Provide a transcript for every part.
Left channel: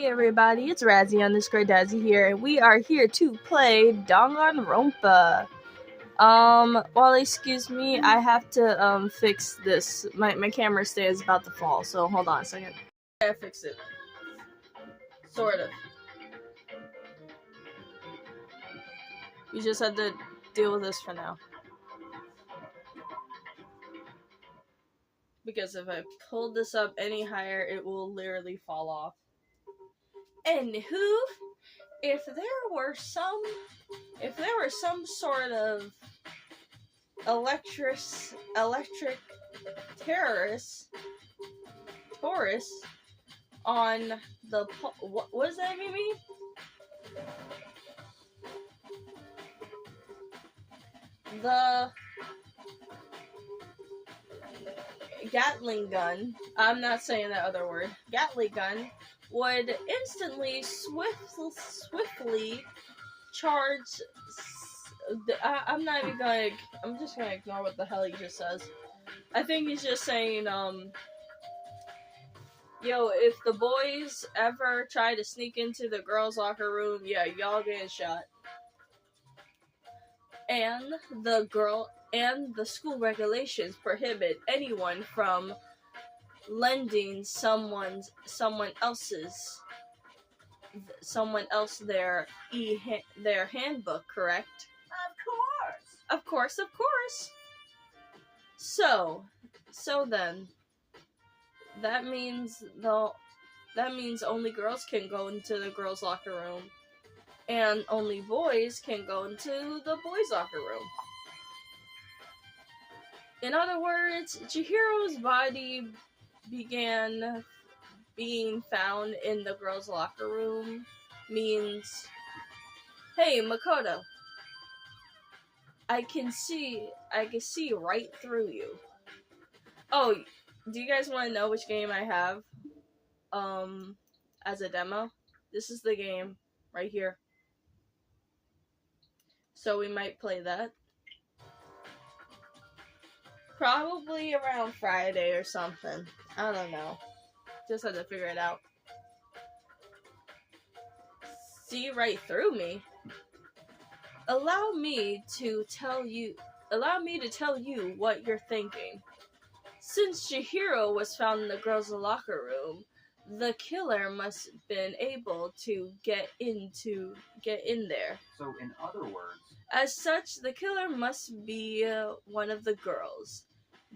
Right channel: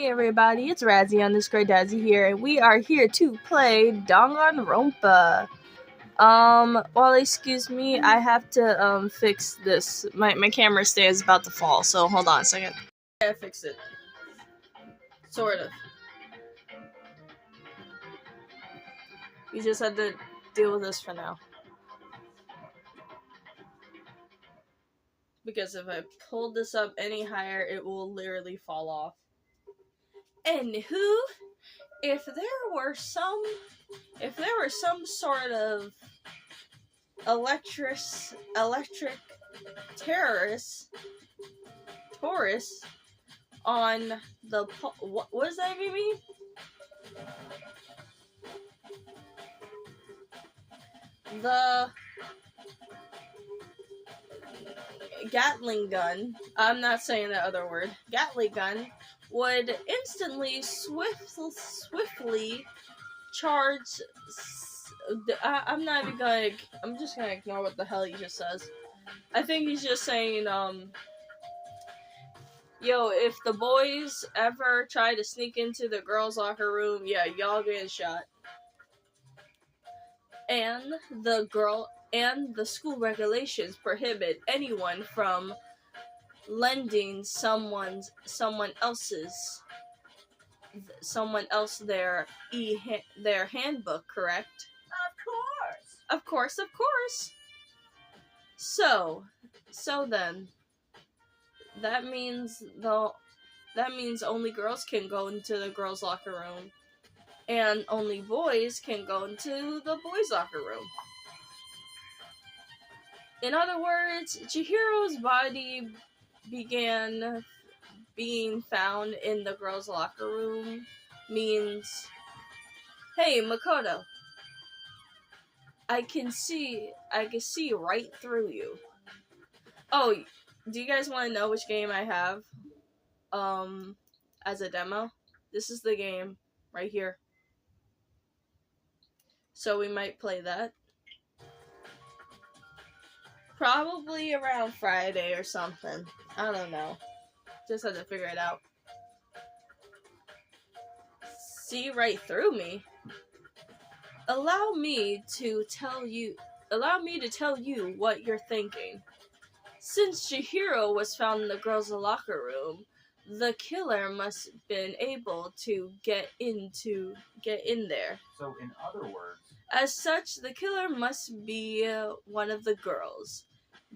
Hey everybody, it's Razzie_Dazzy here, and we are here to play Danganronpa. Well, excuse me, I have to, fix this. My camera stand is about to fall, so hold on a second. I gotta fix it. Sort of. You just had to deal with this for now. Because if I pull this up any higher, it will literally fall off. Anywho, if there were some sort of electric tourists on the what does that mean? The Gatling gun. I'm not saying that other word. Gatling gun would instantly swiftly charge. I'm not even gonna. I'm just gonna ignore what the hell he just says. I think he's just saying, yo, if the boys ever try to sneak into the girls' locker room, yeah, y'all getting shot. And the school regulations prohibit anyone from lending someone else their handbook, correct? Of course. So then that means only girls can go into the girls' locker room, and only boys can go into the boys' locker room. In other words, Chihiro's body began being found in the girls' locker room means, hey, Makoto, I can see right through you. Oh, do you guys want to know which game I have as a demo? This is the game right here. So we might play that. Probably around Friday or something. I don't know. Just had to figure it out. See right through me? Allow me to tell you what you're thinking. Since Chihiro was found in the girls' locker room, the killer must have been able to get in there. So, in other words, as such, the killer must be one of the girls.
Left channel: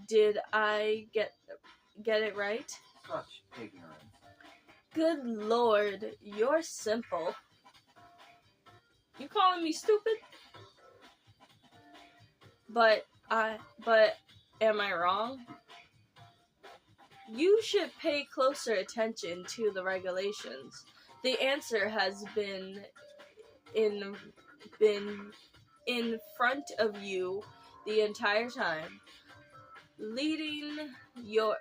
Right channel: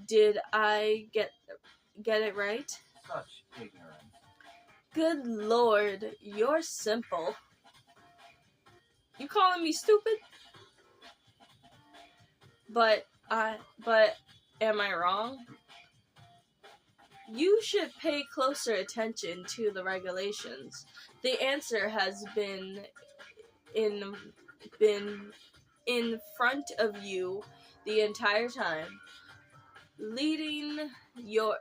Did I get it right? Such ignorance. Good lord, you're simple. You calling me stupid? But am I wrong? You should pay closer attention to the regulations. The answer has been in front of you the entire time. Lending your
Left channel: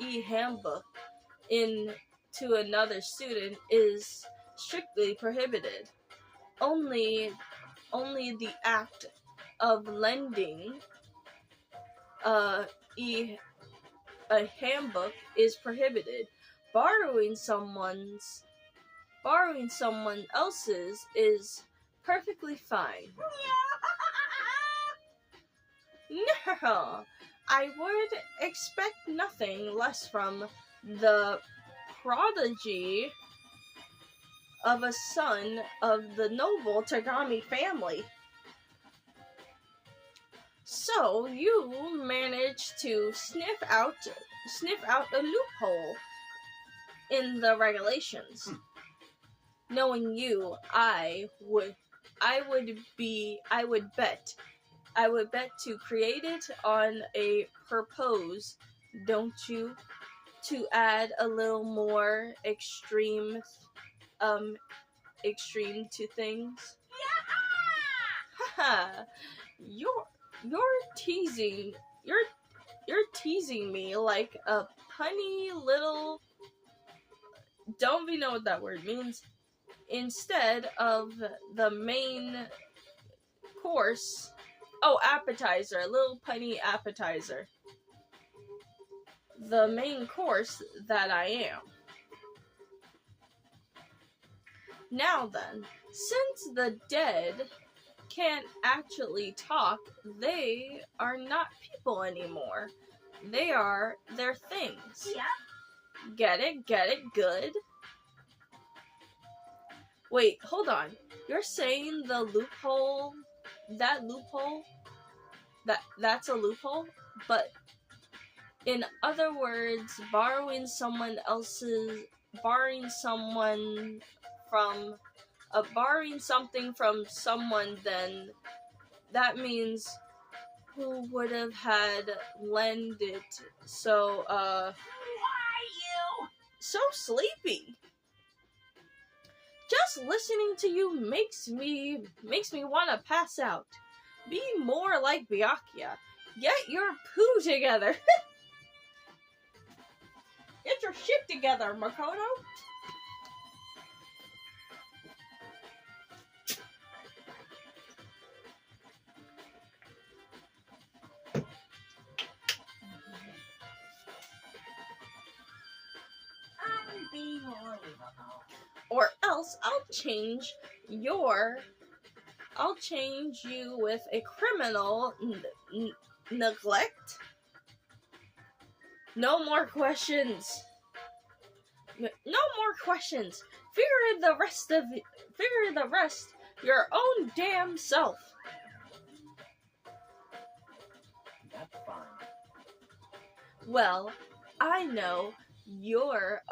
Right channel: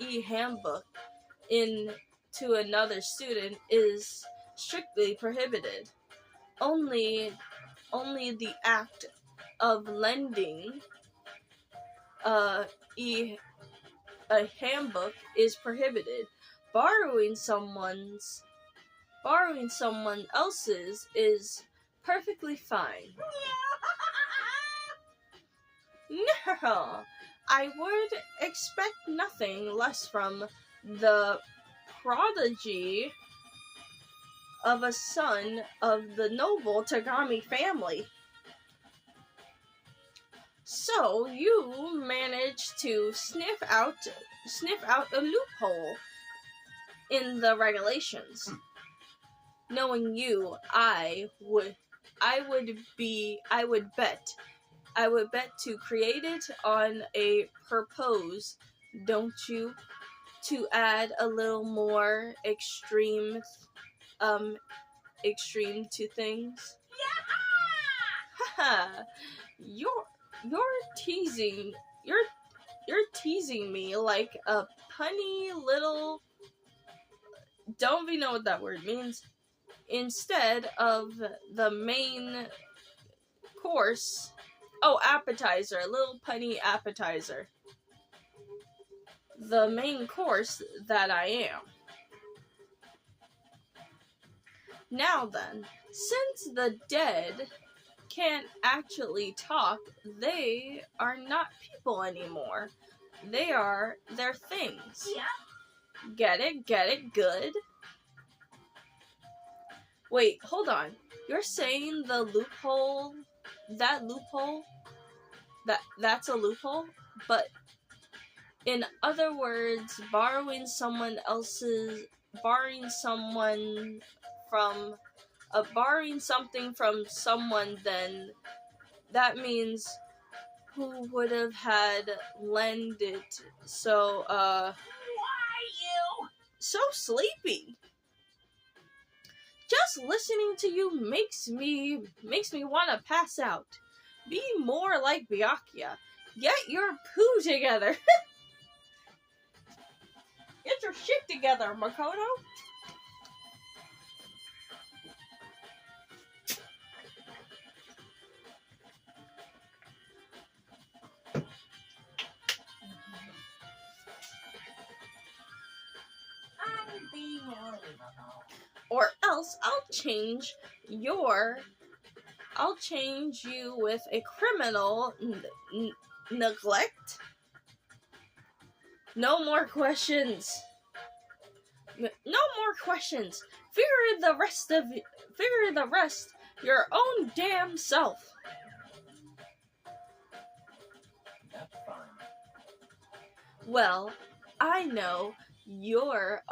e-handbook to another student is strictly prohibited. Only the act of lending a handbook is prohibited. Borrowing someone else's is perfectly fine. No, I would expect nothing less from the prodigy of a son of the noble Tagami family. So you managed to sniff out a loophole in the regulations. Knowing you, I would bet to create it on a purpose, don't you? To add a little more extreme to things. Haha, you're teasing me like a punny little. Don't even know what that word means. Instead of the main course. Oh, appetizer. A little punny appetizer. The main course that I am. Now then, since the dead can't actually talk, they are not people anymore. They're things. Yeah. Get it? Good. Wait, hold on. You're saying the loophole, that's a loophole? But in other words, borrowing something from someone, then that means who would have had lend it. So, Why you? so sleepy. Just listening to you makes me want to pass out. Be more like Byakuya. Get your poo together. Get your shit together, Makoto. Unbelievable. Or else I'll change you with a criminal neglect. No more questions. No more questions. Figure the rest your own damn self. That's fine. Well, I know you're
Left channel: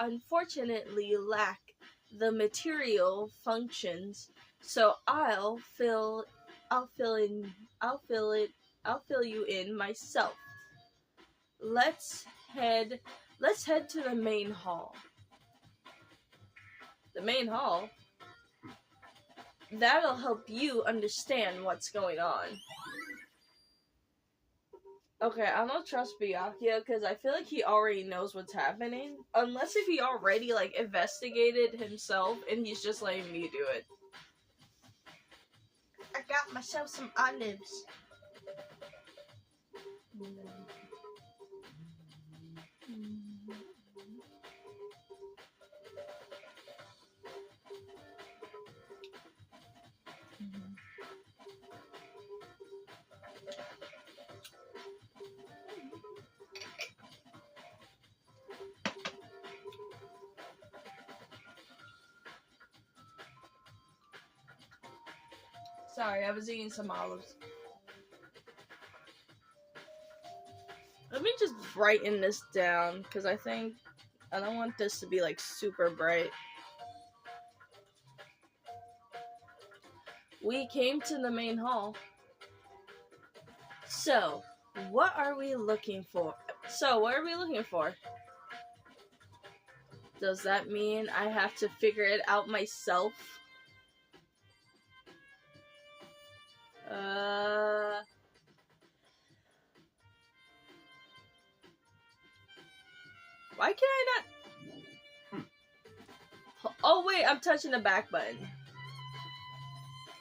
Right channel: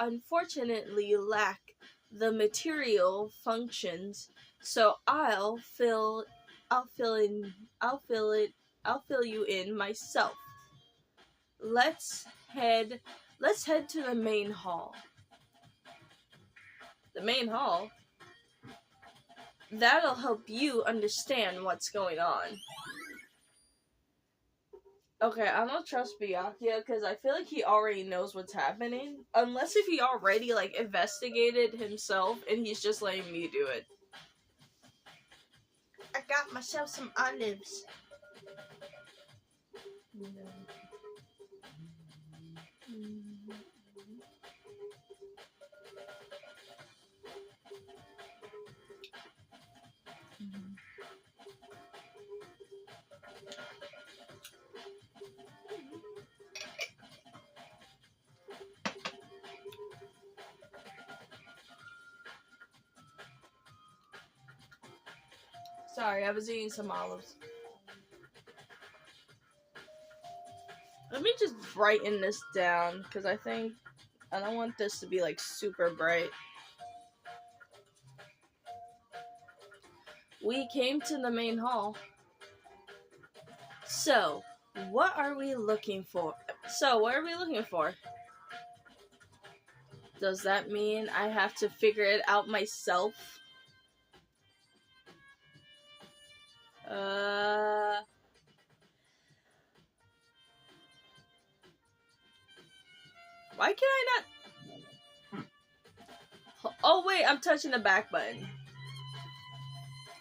unfortunately lack the material functions, so I'll fill you in myself. Let's head to the main hall. The main hall? That'll help you understand what's going on. Okay, I don't trust Byakuya because I feel like he already knows what's happening. Unless if he already, investigated himself and he's just letting me do it. I got myself some olives. Sorry, I was eating some olives. Let me just brighten this down, because I don't want this to be, super bright. We came to the main hall. So, what are we looking for? Does that mean I have to figure it out myself? Why can I not? Oh wait, I'm touching the back button.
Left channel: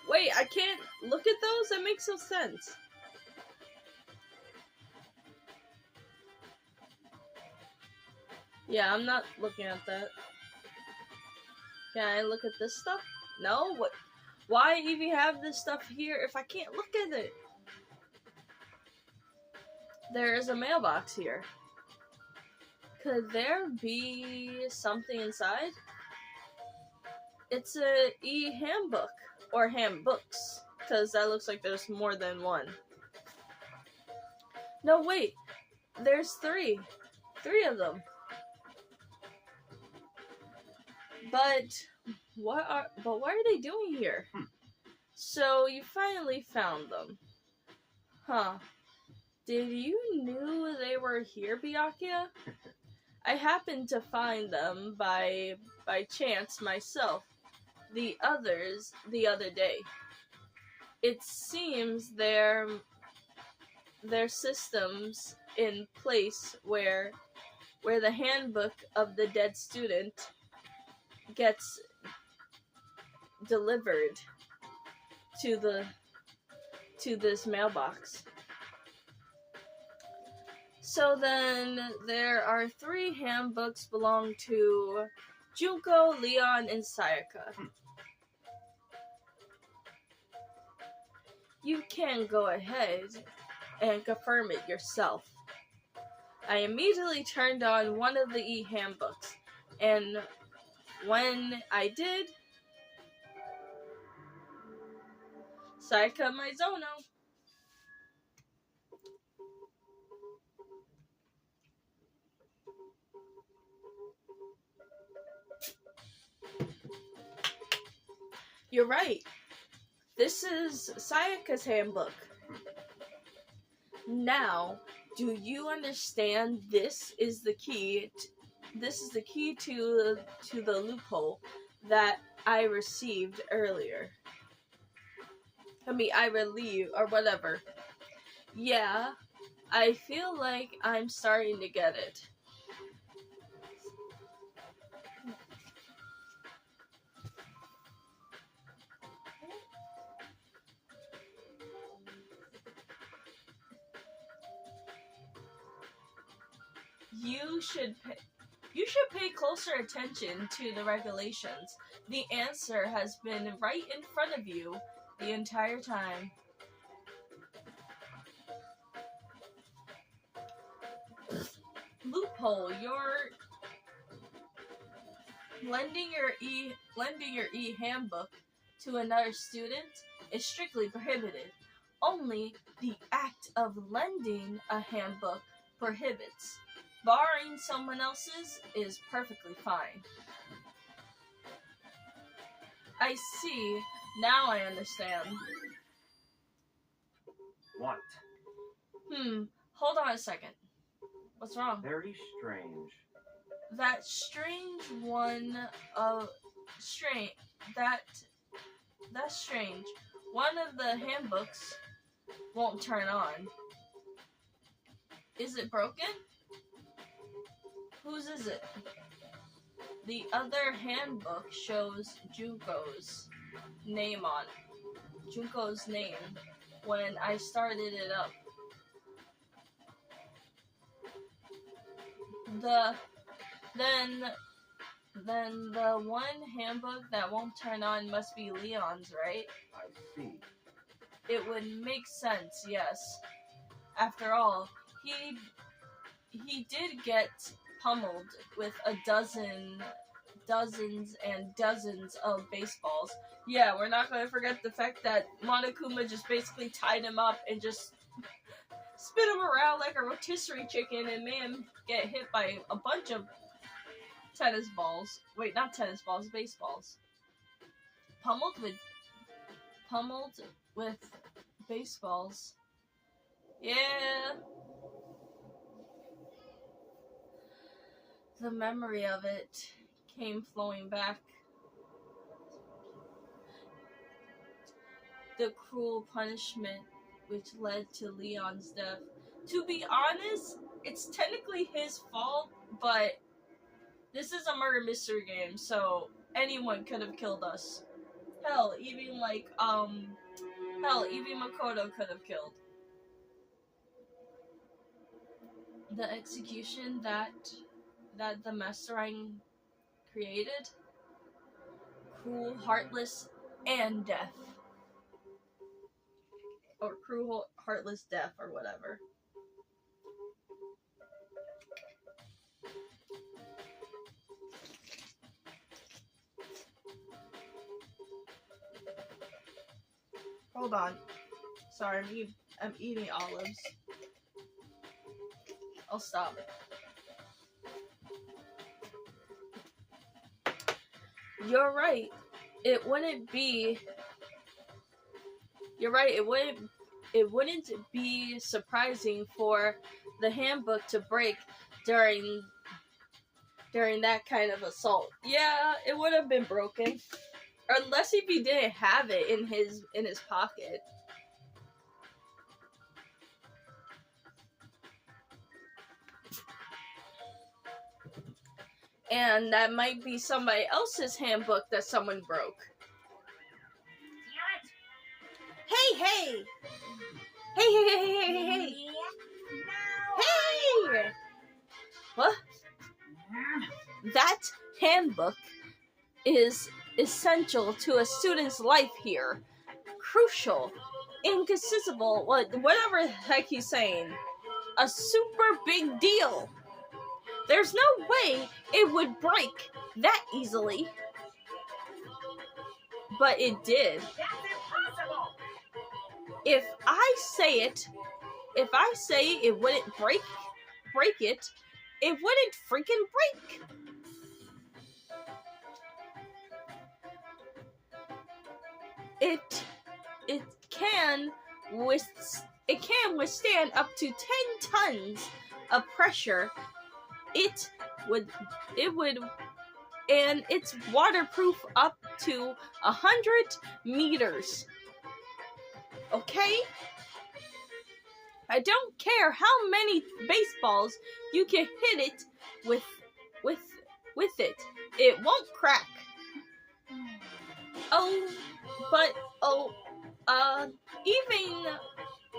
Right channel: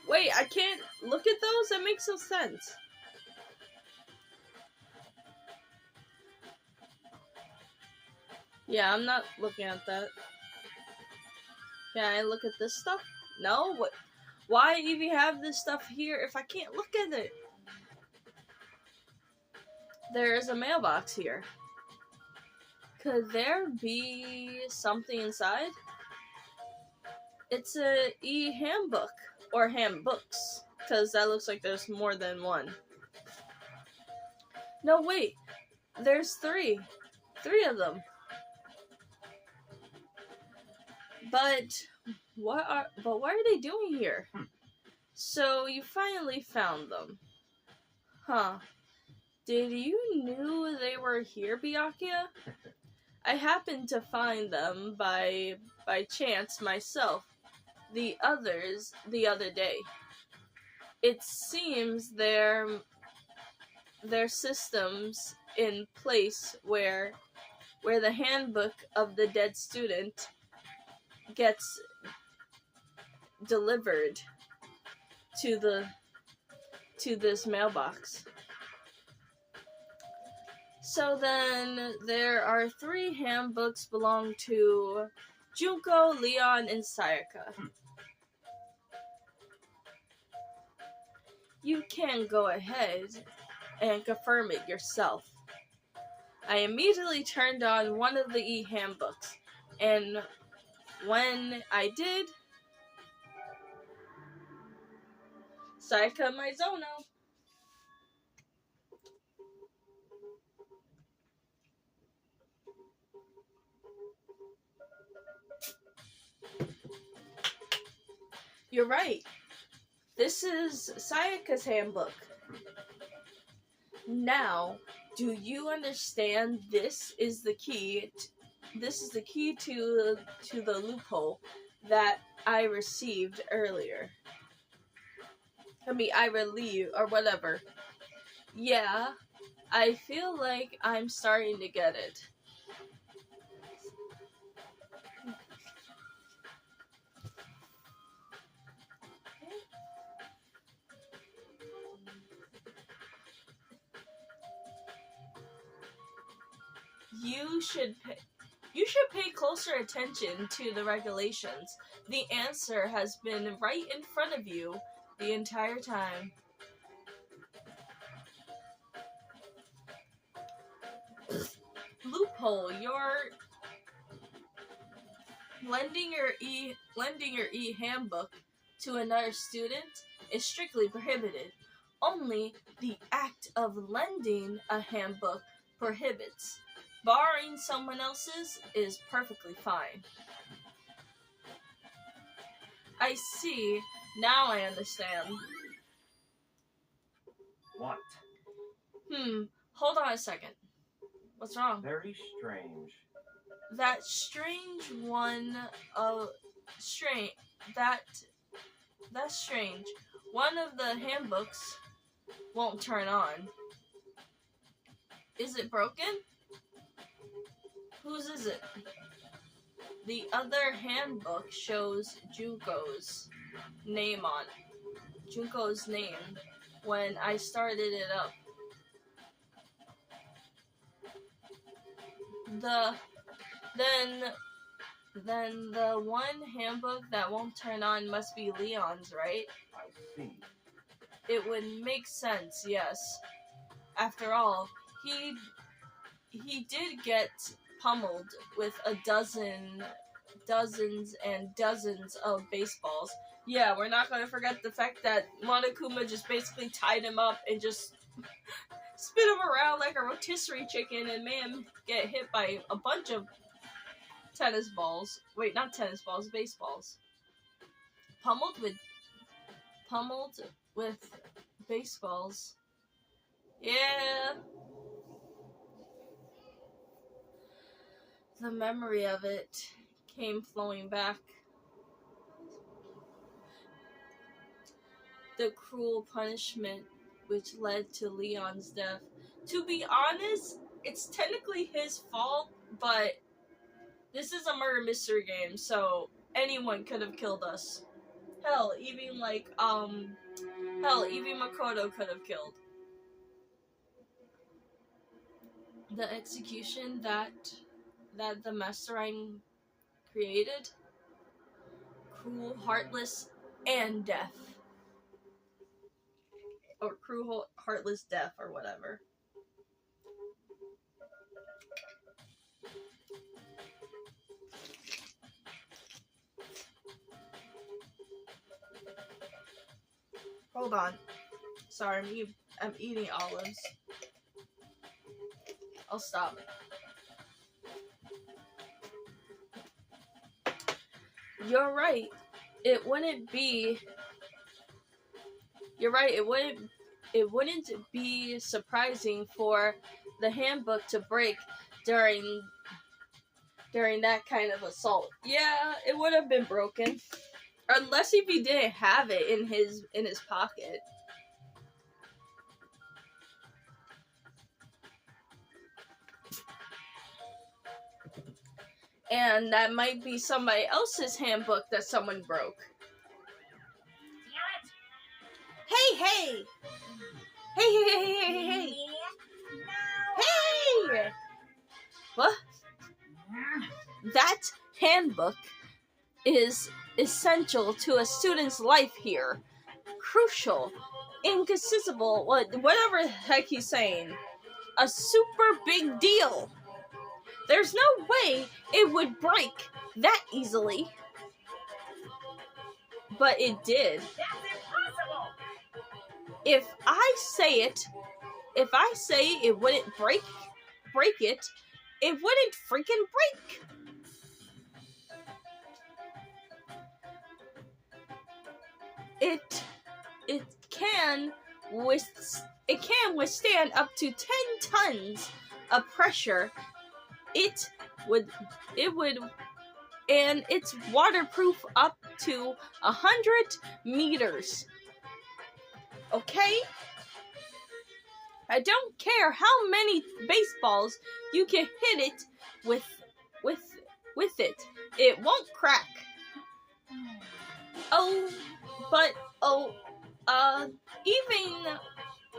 Wait, I can't look at those? That makes no sense. Yeah, I'm not looking at that. Can I look at this stuff? No? What? Why even have this stuff here if I can't look at it? There is a mailbox here. Could there be something inside? It's a e-handbook. Or handbooks. Because that looks like there's more than one. No, wait. There's three. 3 of them. But what are they doing here? So you finally found them. Huh. Did you knew they were here, Byakuya? I happened to find them by chance myself. The other day. It seems their systems in place where the handbook of the dead student gets delivered to this mailbox. So then there are 3 handbooks belong to Junko, Leon, and Sayaka. You can go ahead and confirm it yourself. I immediately turned on one of the e-handbooks, and when I did, Sayaka Maizono. You're right. This is Sayaka's handbook. Now, do you understand this is the key? This is the key to the loophole that I received earlier. I relieve or whatever. Yeah, I feel like I'm starting to get it. You should pay closer attention to the regulations. The answer has been right in front of you the entire time. Loophole, you're lending your e-handbook to another student is strictly prohibited. Only the act of lending a handbook prohibits. Borrowing someone else's is perfectly fine. I see. Now I understand. What? Hold on a second. What's wrong? Very strange. That's strange. One of the handbooks won't turn on. Is it broken? Whose is it? The other handbook shows Junko's name on it. Junko's name when I started it up. Then the one handbook that won't turn on must be Leon's, right? I see. It would make sense, yes. After all, he did get pummeled with dozens and dozens of baseballs. Yeah, we're not going to forget the fact that Monokuma just basically tied him up and just spin him around like a rotisserie chicken and made him get hit by a bunch of tennis balls. Wait, not tennis balls, baseballs. Pummeled with baseballs. Yeah. The memory of it came flowing back. The cruel punishment which led to Leon's death. To be honest, it's technically his fault, but this is a murder mystery game, so anyone could have killed us. Hell, even Makoto could have killed. The execution that the mastermind created, cruel, heartless, and death. Or cruel, heartless death, or whatever. Hold on. Sorry, I'm eating olives. I'll stop. You're right. It wouldn't be surprising for the handbook to break during that kind of assault. Yeah, it would have been broken. Unless if he didn't have it in his pocket. And that might be somebody else's handbook that someone broke. Hey! Hey! Hey! What? That handbook is essential to a student's life here. Crucial, inconceivable, whatever the heck he's saying. A super big deal. There's no way it would break that easily. But it did. That's impossible. If I say it wouldn't break it, it wouldn't freaking break. It can withstand up to 10 tons of pressure. It would and it's waterproof up to 100 meters. Okay? I don't care how many baseballs you can hit it with it. It won't crack. Even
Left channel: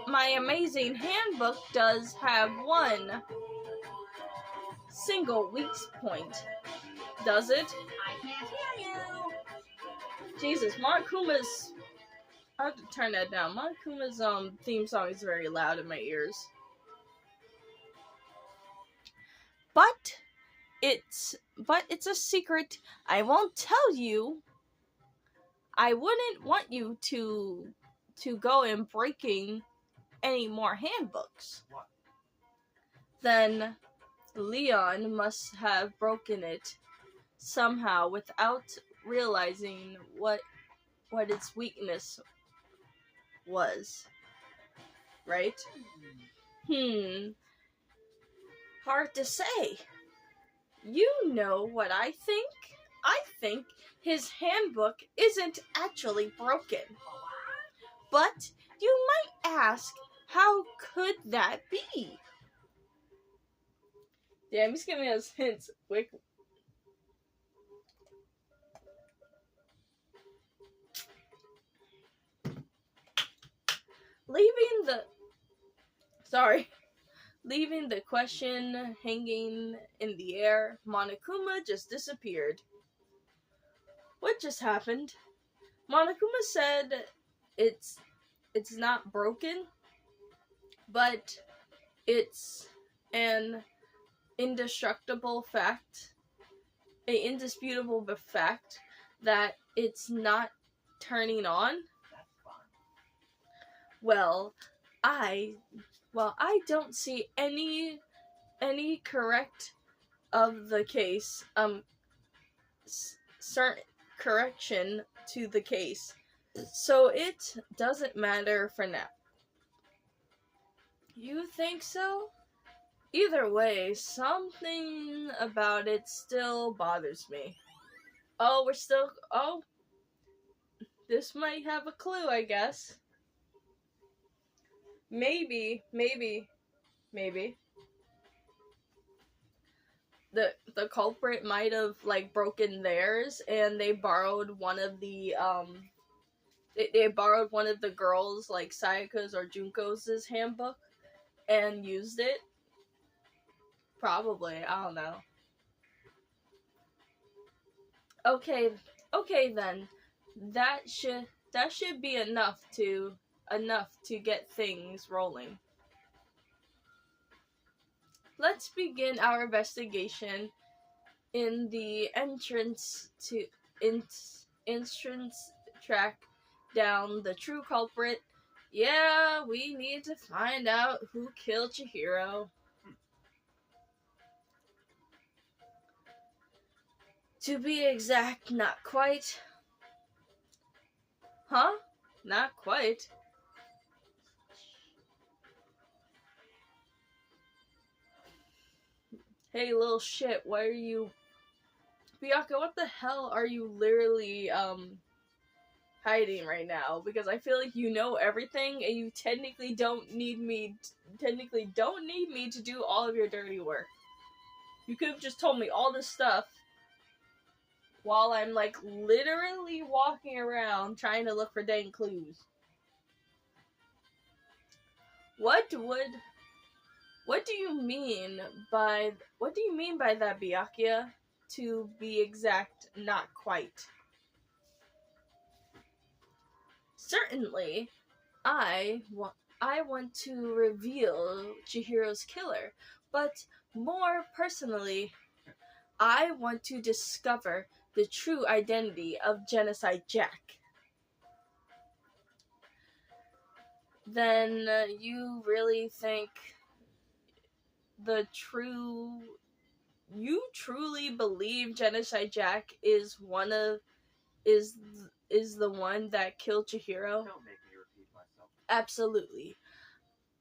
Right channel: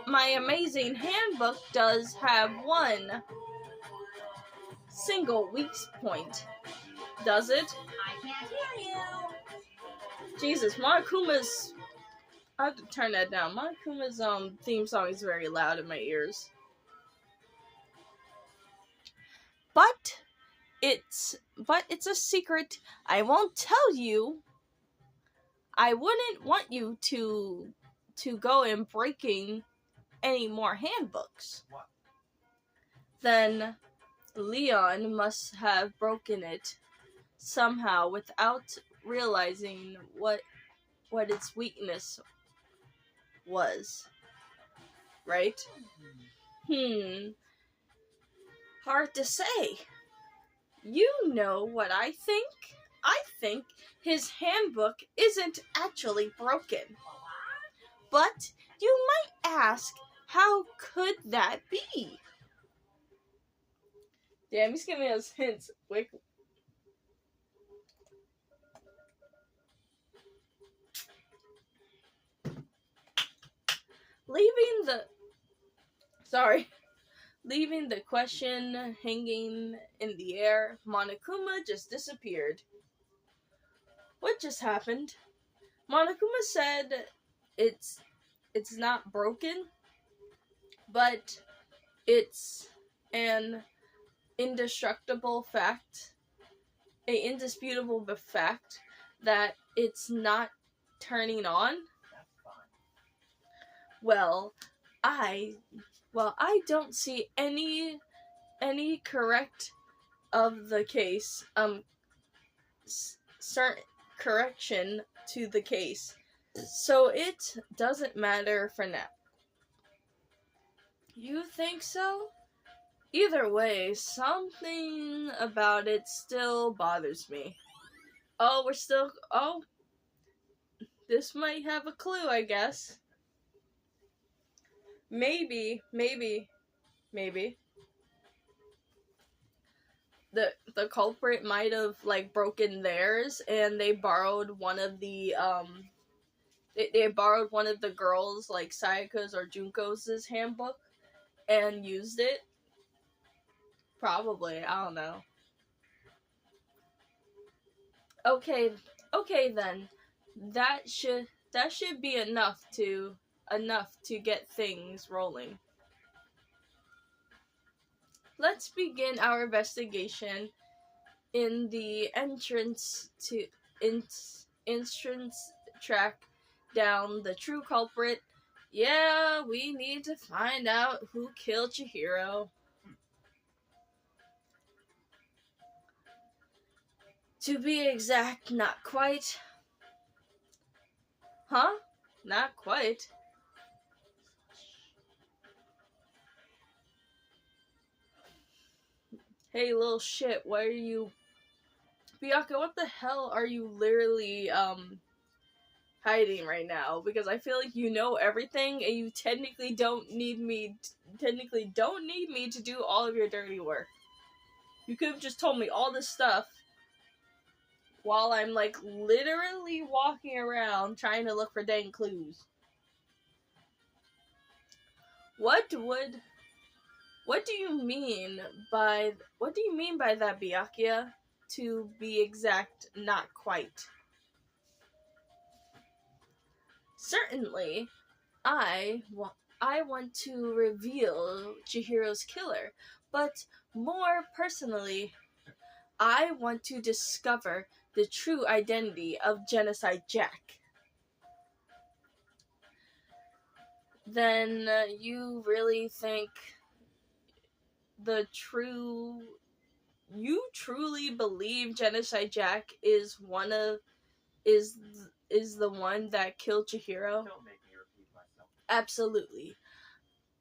my amazing handbook does have one single weak point. Does it? I can't hear you. Jesus, Monokuma's... I have to turn that down. Monokuma's theme song is very loud in my ears. But it's a secret I won't tell you. I wouldn't want you to go and breaking any more handbooks. What? Then Leon must have broken it somehow without realizing what its weakness was. Right? Hard to say. You know what I think? I think his handbook isn't actually broken. But you might ask, how could that be? Damn, he's giving us hints. Quick. Leaving the question hanging in the air, Monokuma just disappeared. What just happened? Monokuma said it's not broken, but it's an indisputable fact that it's not turning on. that's fine. Well, I don't see any correct of the case certain correction to the case, so it doesn't matter for now. You think so? Either way, something about it still bothers me. This might have a clue, I guess. Maybe. The culprit might have broken theirs, and they borrowed one of the they borrowed one of the girls, like Sayaka's or Junko's handbook, and used it. Probably, I don't know. Okay then. That should be enough to get things rolling. Let's begin our investigation in the entrance track down the true culprit. Yeah, we need to find out who killed Chihiro. To be exact, not quite. Huh? Not quite. Hey, little shit, why are you... Byakuya, what the hell are you literally, hiding right now? Because I feel like you know everything, and you technically don't need me to do all of your dirty work. You could have just told me all this stuff while I'm, literally walking around trying to look for dang clues. What do you mean by that, Byakuya? to be exact, not quite. Certainly, I want to reveal Chihiro's killer, but more personally, I want to discover the true identity of Genocide Jack. Then you really think you truly believe Genocide Jack is the one that killed Chihiro? Don't make me repeat myself. Absolutely.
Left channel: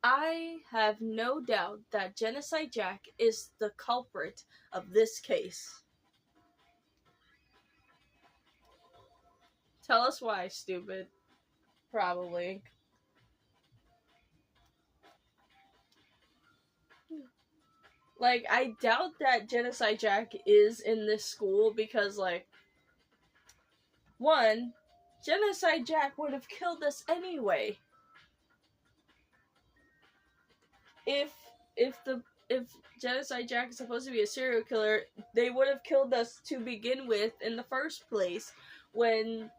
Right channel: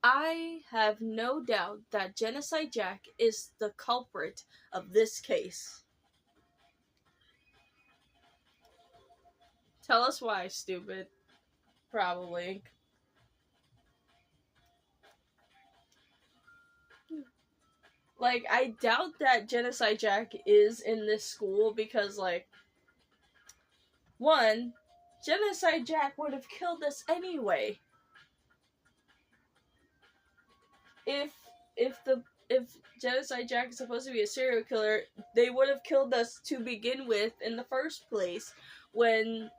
I have no doubt that Genocide Jack is the culprit of this case. Tell us why, stupid. Probably. Like, I doubt that Genocide Jack is in this school because, like, one, Genocide Jack would have killed us anyway. If Genocide Jack is supposed to be a serial killer, they would have killed us to begin with in the first place when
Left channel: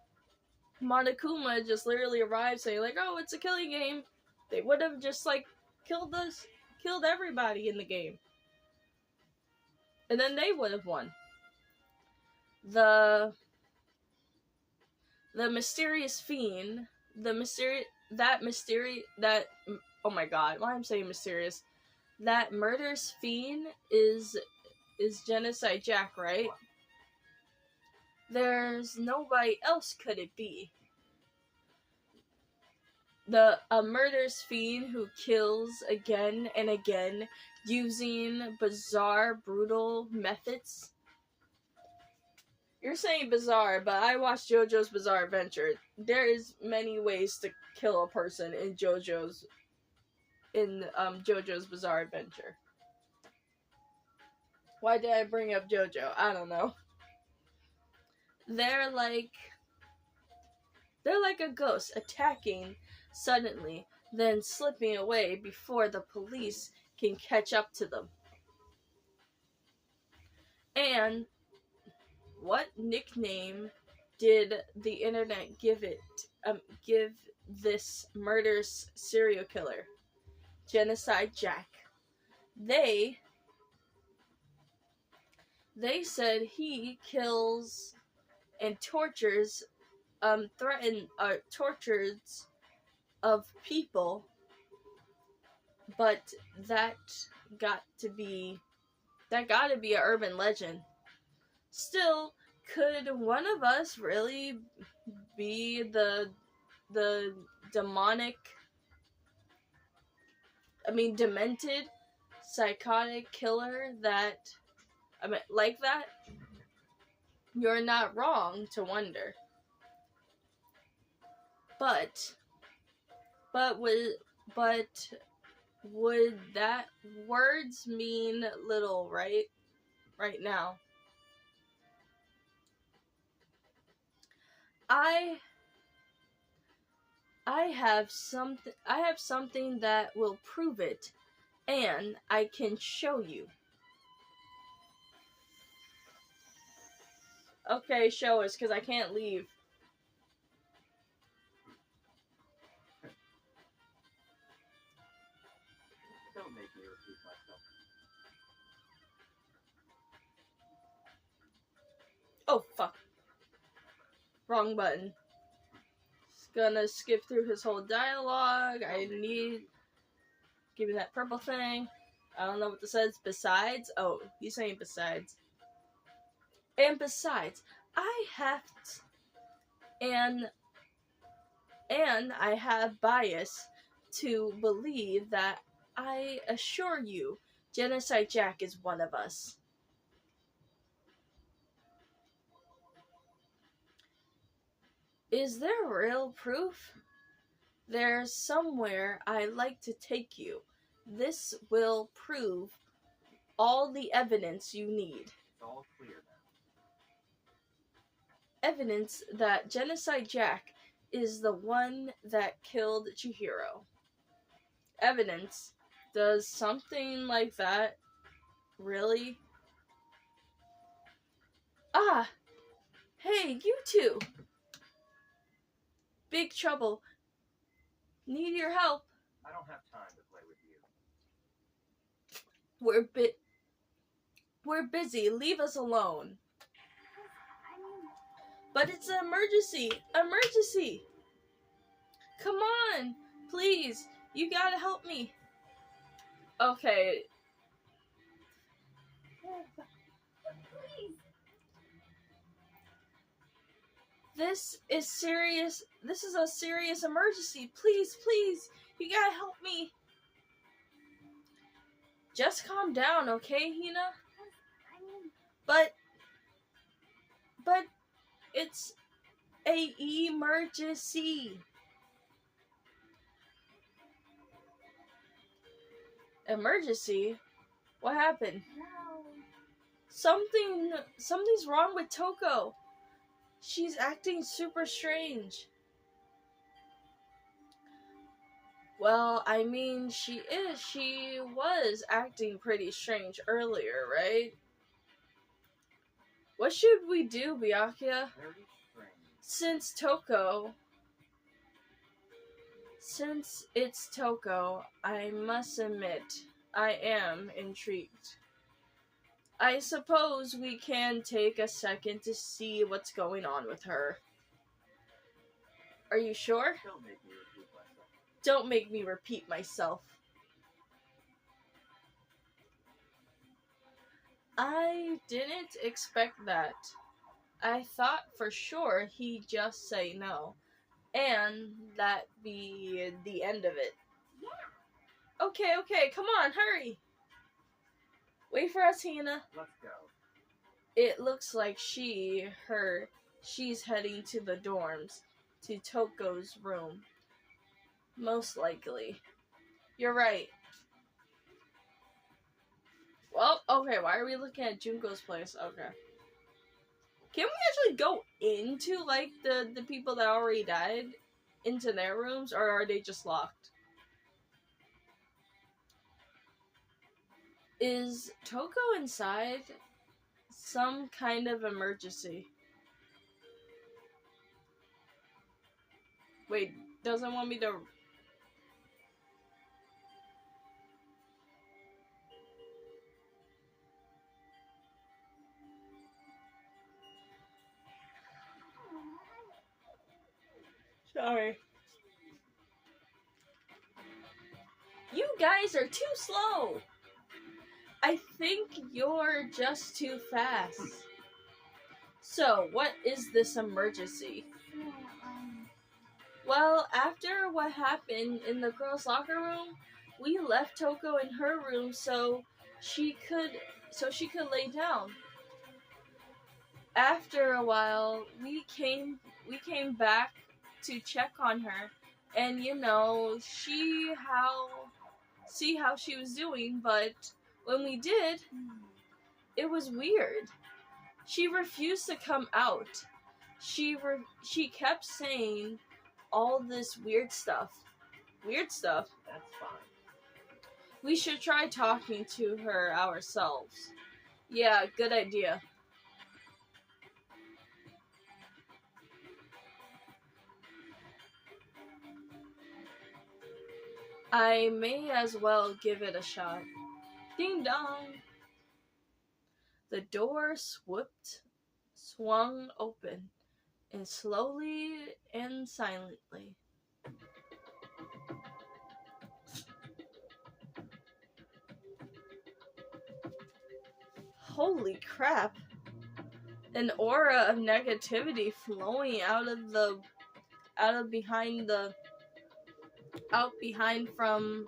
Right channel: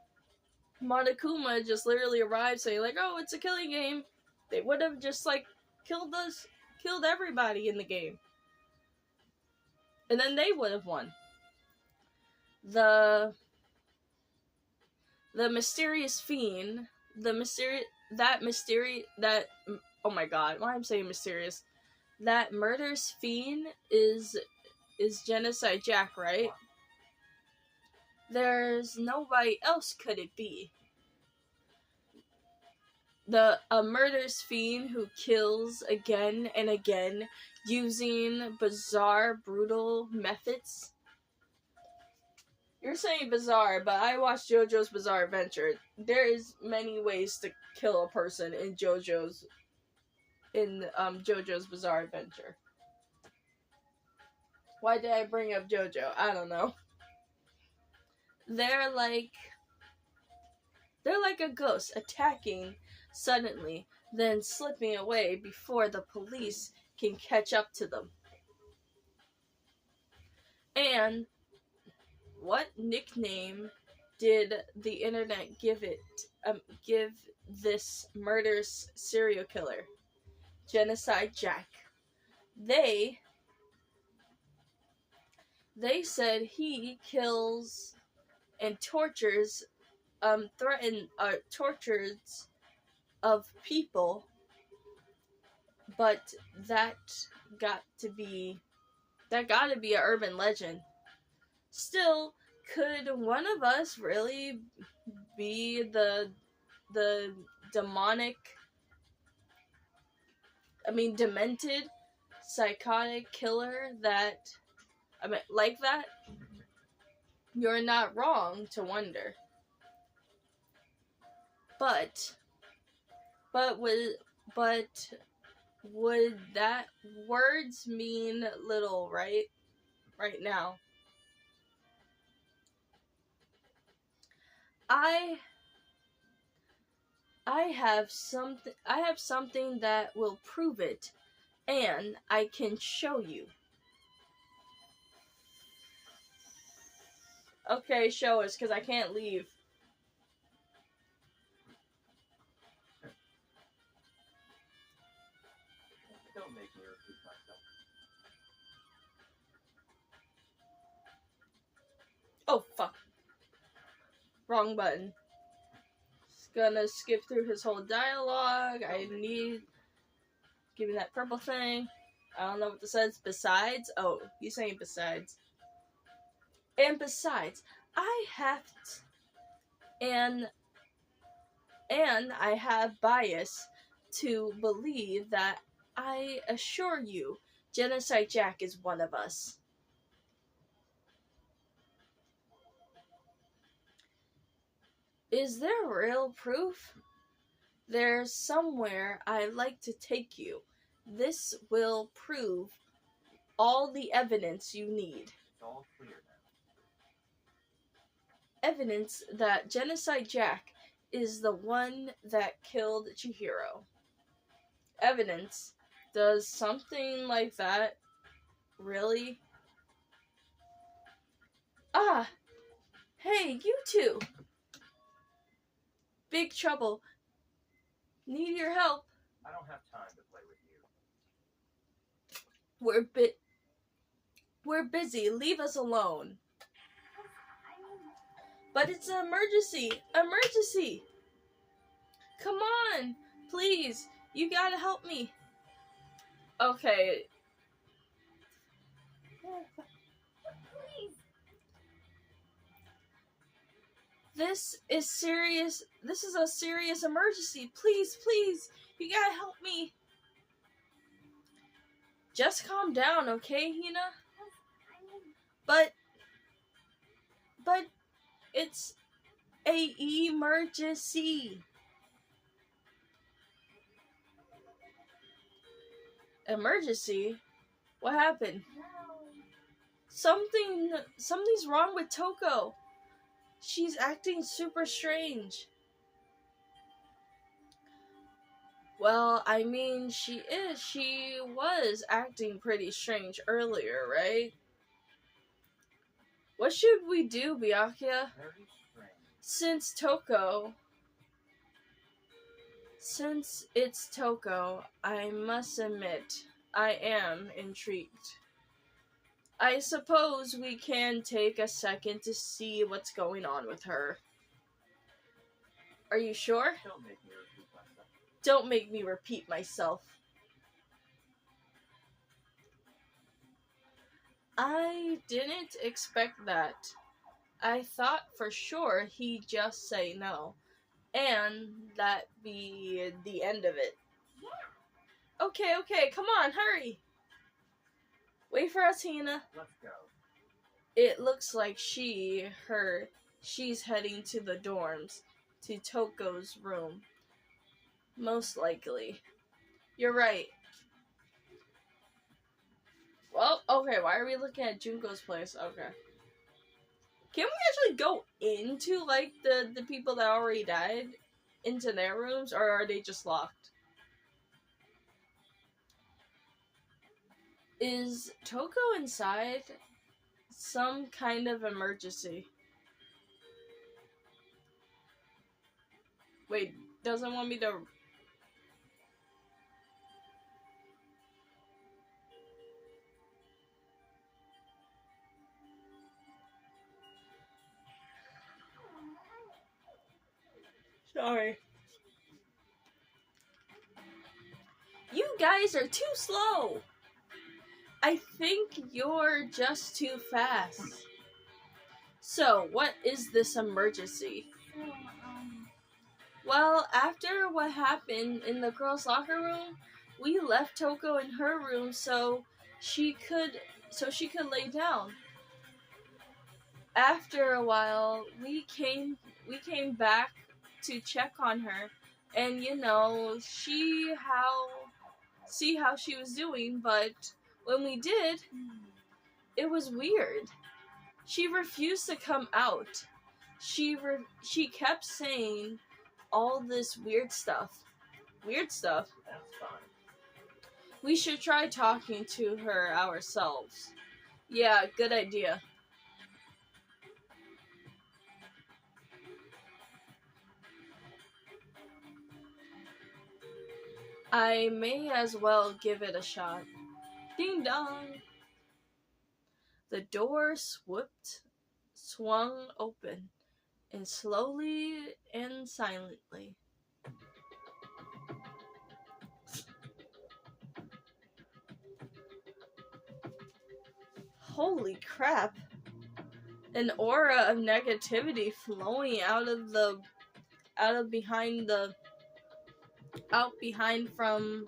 Monokuma just literally arrived saying, like, oh, it's a killing game. They would have just, like, killed everybody in the game. And then they would have won. The mysterious fiend, oh my god, why I'm saying mysterious. That murderous fiend is Genocide Jack, right? There's nobody else could it be. A murderous fiend who kills again and again using bizarre, brutal methods. You're saying bizarre, but I watched JoJo's Bizarre Adventure. There is many ways to kill a person in JoJo's Bizarre Adventure. Why did I bring up JoJo? I don't know. They're like a ghost attacking suddenly, then slipping away before the police can catch up to them. And what nickname did the internet give this murderous serial killer? Genocide Jack. They said he kills and tortures tortures of people, but that gotta be an urban legend. Still, could one of us really be the demented, psychotic killer like that? You're not wrong to wonder. But would that words mean little right now? I have something that will prove it, and I can show you. Okay, show us, because I can't leave. Don't make me repeat myself. Oh, fuck. Wrong button. Just gonna skip through his whole dialogue. Give me that purple thing. I don't know what this says. Besides? Oh, he's saying besides. And besides, I have bias to believe that I assure you, Genocide Jack is one of us. Is there real proof? There's somewhere I'd like to take you. This will prove all the evidence you need. It's all clear now. Evidence that Genocide Jack is the one that killed Chihiro. Evidence? Does something like that really? Ah! Hey, you two! Big trouble. Need your help. I don't have time to play with you. We're busy. Leave us alone. But it's an emergency. Emergency! Come on! Please! You gotta help me. Okay. Please. This is serious. This is a serious emergency. Please, please. You gotta help me. Just calm down, okay, Hina? But it's a emergency. Emergency? What happened? No. Something's wrong with Toko. She's acting super strange. Well, I mean, she was acting pretty strange earlier, right? What should we do, Byakuya? Very strange. Since it's Toko, I must admit, I am intrigued. I suppose we can take a second to see what's going on with her. Are you sure? Don't make me repeat myself. Don't make me repeat myself. I didn't expect that. I thought for sure he'd just say no, and that be the end of it. Yeah. Okay, come on, hurry. Wait for us, Hina. Let's go. It looks like she's heading to the dorms, to Toko's room. Most likely. You're right. Well, okay, why are we looking at Junko's place? Okay. Can we actually go into, like, the people that already died? Into their rooms? Or are they just locked? Is Toko inside? Some kind of emergency. Wait, doesn't want me to... Sorry. You guys are too slow. I think you're just too fast. So, what is this emergency? So, Well, after what happened in the girls' locker room, we left Toko in her room so she could lay down. After a while, we came back to check on her, and see how she was doing, but when we did, it was weird. She refused to come out. She kept saying all this weird stuff. Weird stuff. That's fine. We should try talking to her ourselves. Yeah, good idea. I may as well give it a shot. Ding dong! The door swung open, and slowly and silently. Holy crap! An aura of negativity flowing out behind from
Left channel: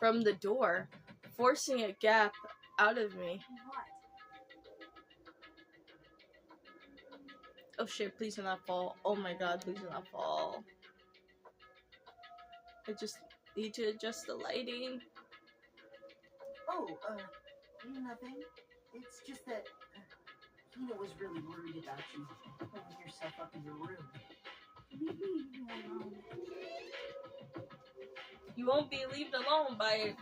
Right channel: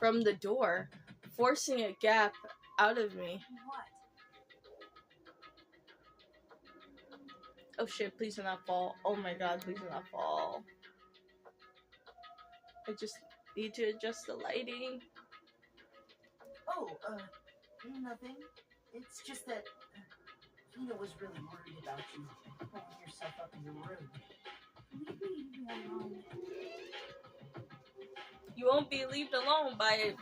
the door, forcing a gap out of me. what? Oh shit, please do not fall. Oh my god, please do not fall. I just need to adjust the lighting. Oh, nothing. It's just that Hina was really worried about you pulling yourself up in your room. Leave me alone. You won't be left alone by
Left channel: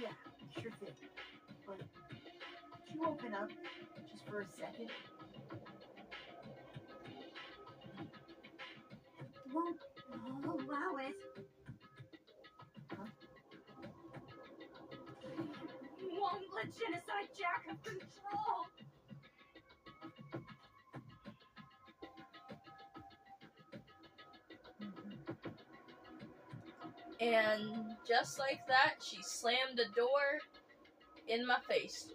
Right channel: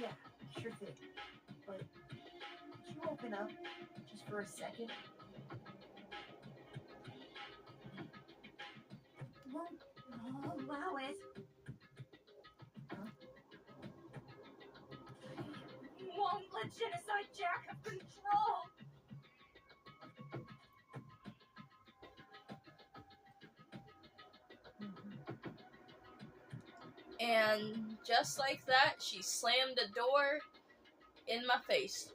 Yeah, sure thing. But you open up, just just for a second? Won't allow it. Won't let Genocide Jack have control. And just like that, she slammed the door in my face.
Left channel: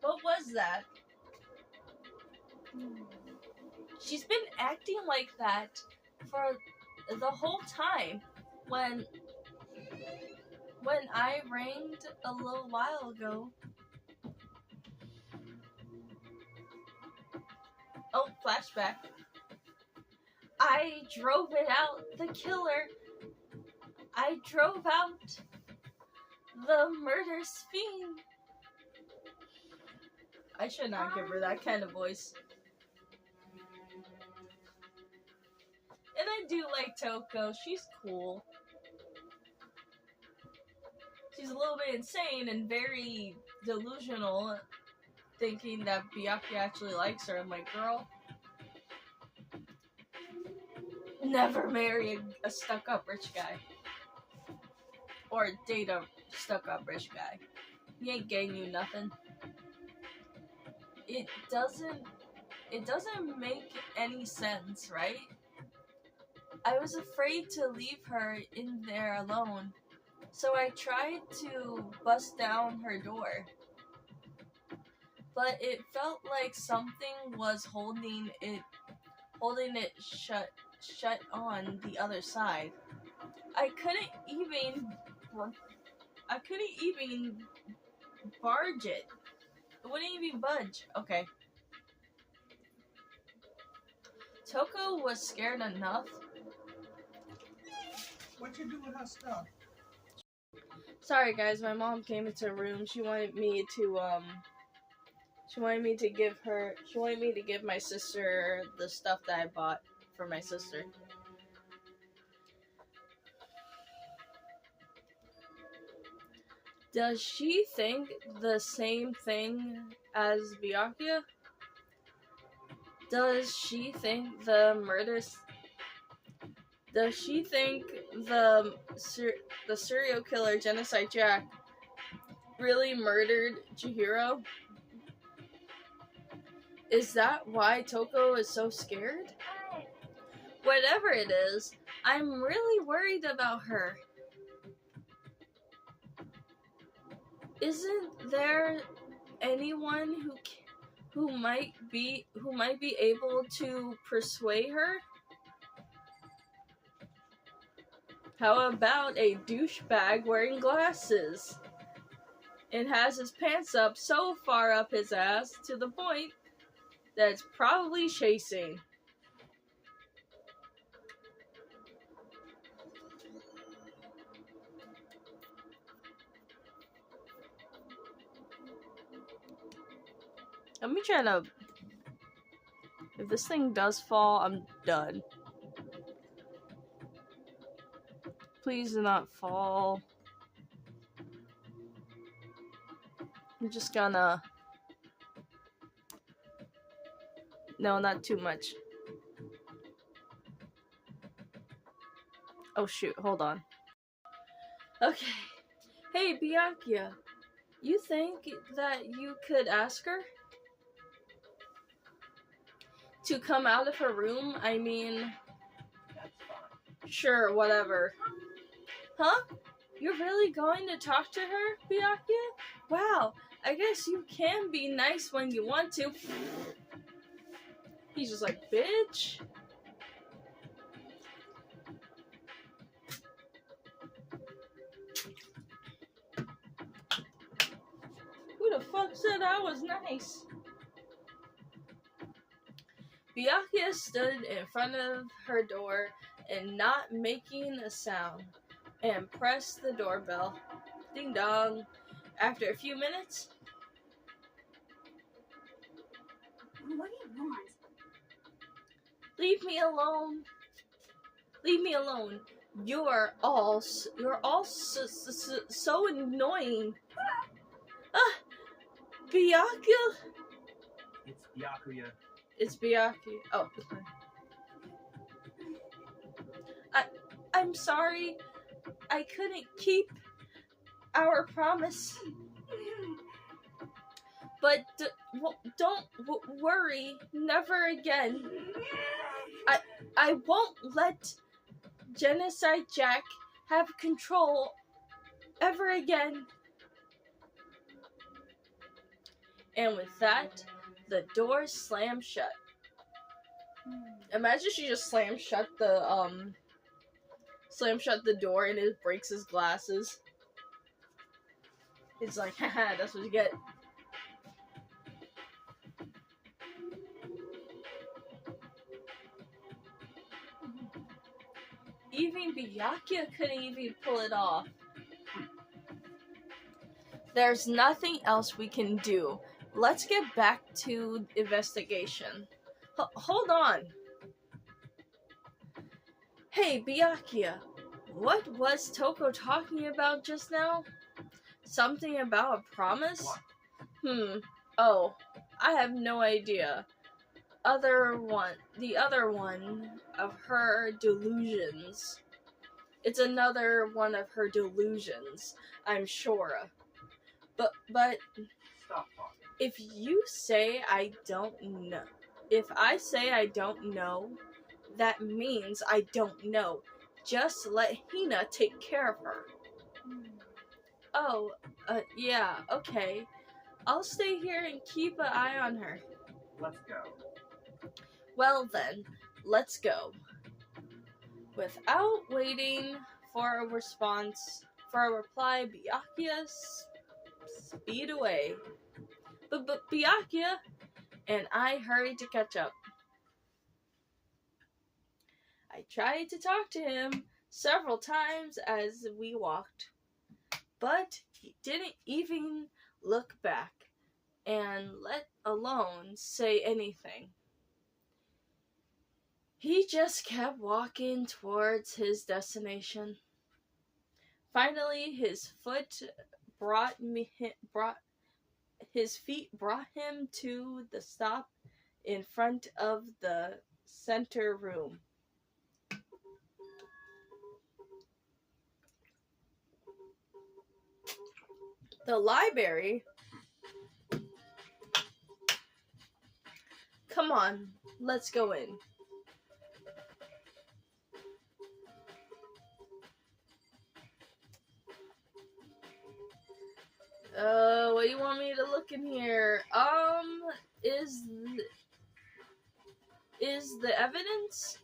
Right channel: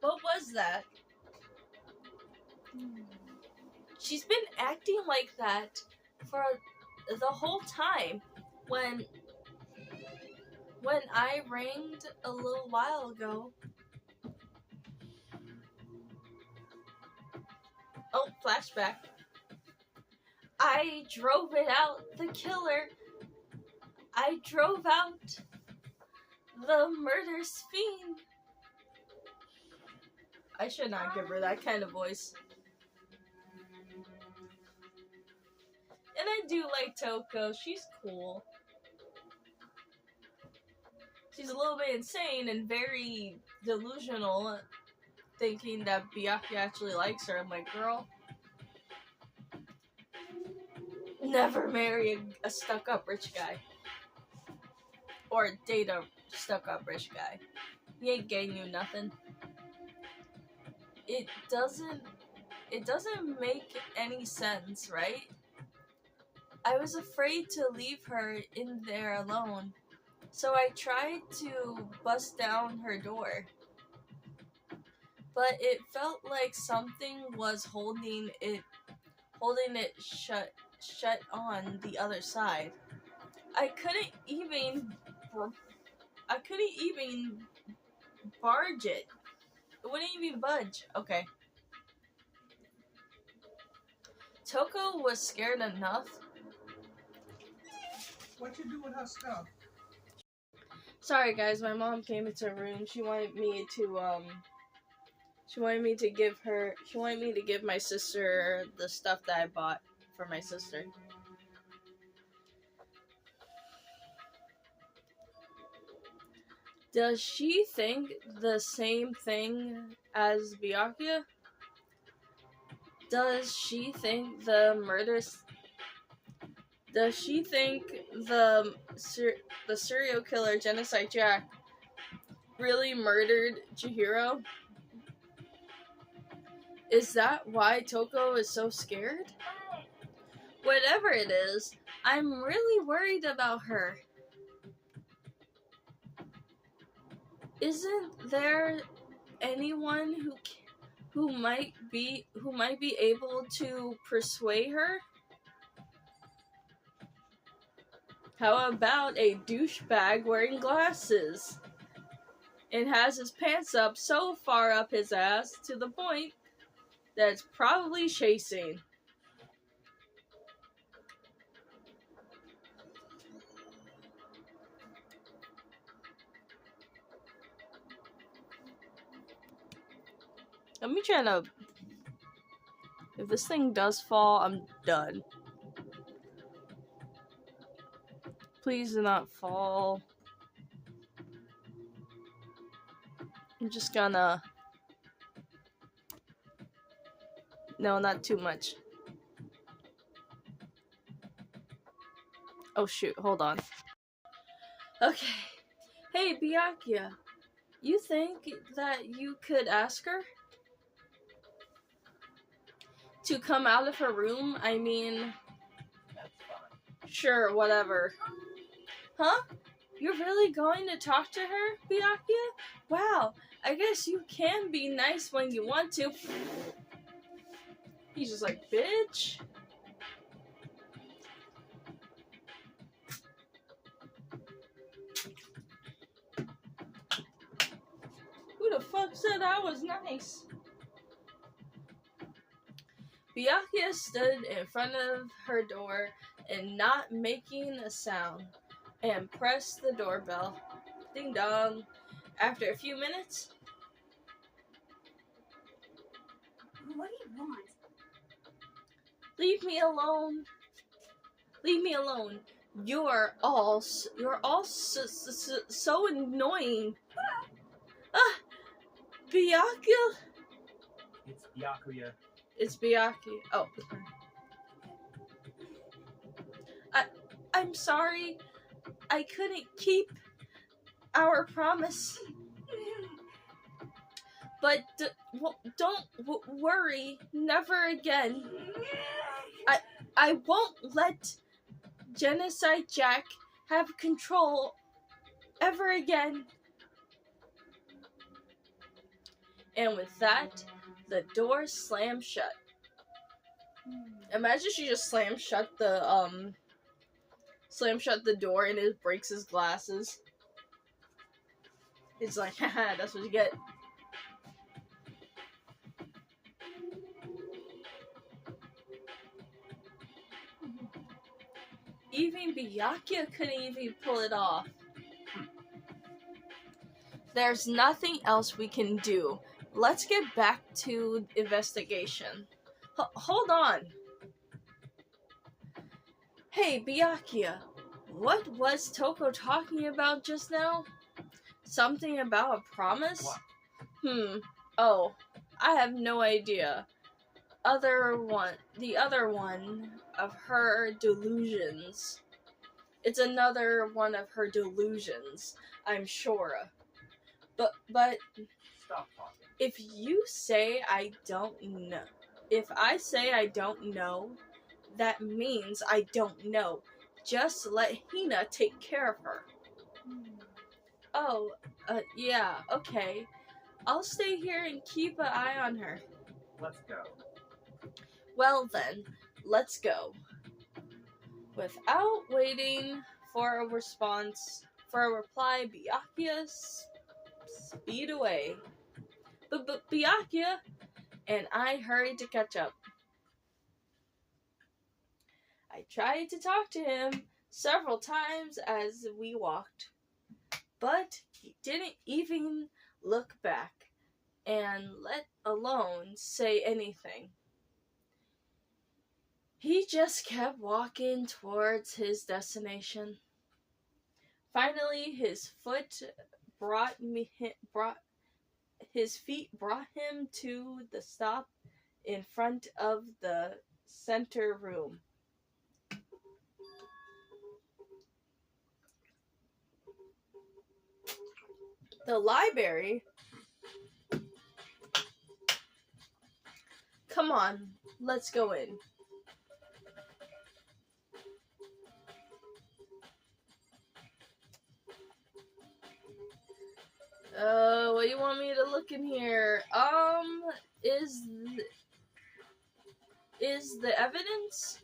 What was that? She's been acting like that for the whole time. When I ranged a little while ago. Oh, flashback. I drove it out, the killer. I drove out the murder fiend. I should not give her that kind of voice. And I do like Toko. She's cool. She's a little bit insane and very delusional, thinking that Byakuya actually likes her. I'm like, girl, never marry a stuck-up rich guy. Or date a stuck-up rich guy. He ain't getting you nothing. It doesn't make any sense, right? I was afraid to leave her in there alone, so I tried to bust down her door. But it felt like something was holding it shut on the other side. I couldn't even barge it. It wouldn't even budge. Okay. Toko was scared enough. What you do with her stuff? Sorry guys, my mom came into the room. She wanted me to give my sister the stuff that I bought for my sister. Does she think the same thing as Byakuya? Does she think the serial killer Genocide Jack really murdered Chihiro? Is that why Toko is so scared? Whatever it is, I'm really worried about her. Isn't there anyone who might be able to persuade her? How about a douchebag wearing glasses and has his pants up so far up his ass to the point that it's probably chasing? Let me try to... If this thing does fall, I'm done. Please do not fall. I'm just gonna... No, not too much. Oh shoot, hold on. Okay. Hey, Byakuya. You think that you could ask her to come out of her room? I mean... That's fine. Sure, whatever. Huh? You're really going to talk to her, Byakuya? Wow, I guess you can be nice when you want to. He's just like, bitch. Who the fuck said I was nice? Byakuya stood in front of her door and not making a sound, and pressed the doorbell. Ding dong. After a few minutes... What do you want? Leave me alone. Leave me alone. You're all so annoying. Ah, Byakuya. It's Byakuya. It's Byakuya. Oh. I'm sorry. I couldn't keep our promise. But don't worry. Never again. I won't let Genocide Jack have control ever again. And with that, the door slammed shut. Imagine she just slammed shut the door and it breaks his glasses. It's like, haha, that's what you get. Even Byakuya couldn't even pull it off. There's nothing else we can do. Let's get back to investigation. Hold on. Hey, Byakuya, what was Toko talking about just now? Something about a promise? What? Oh, I have no idea. The other one of her delusions. It's another one of her delusions, I'm sure. But Stop talking. if you say I don't know, if I say I don't know, that means I don't know. Just let Hina take care of her. Oh, yeah, okay. I'll stay here and keep an eye on her. Let's go. Well then, let's go. Without waiting for a reply, Byakuya speed away. But Byakuya and I hurried to catch up. I tried to talk to him several times as we walked, but he didn't even look back, and let alone say anything. He just kept walking towards his destination. Finally, his feet brought him to the stop in front of the center room. The library? Come on, let's go in. What do you want me to look in here? Is the evidence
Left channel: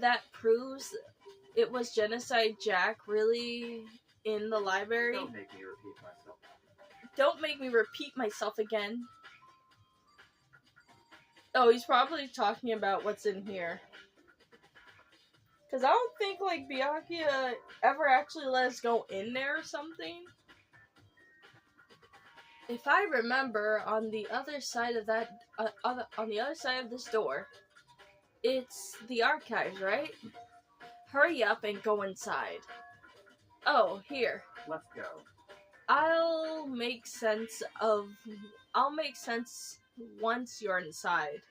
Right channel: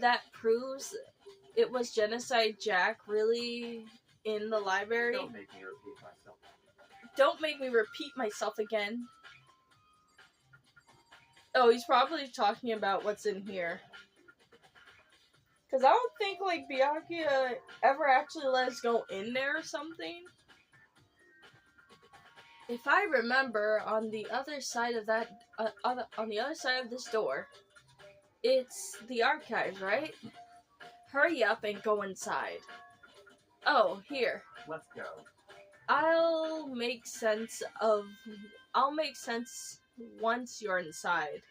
that proves it was Genocide Jack really in the library? Don't make me repeat myself. Don't make me repeat myself again. Oh, he's probably talking about what's in here. Because I don't think, like, Byakuya ever actually let us go in there or something. If I remember, on the other side of this door, it's the archives, right? Hurry up and go inside. Oh, here. Let's go. I'll make sense once you're inside.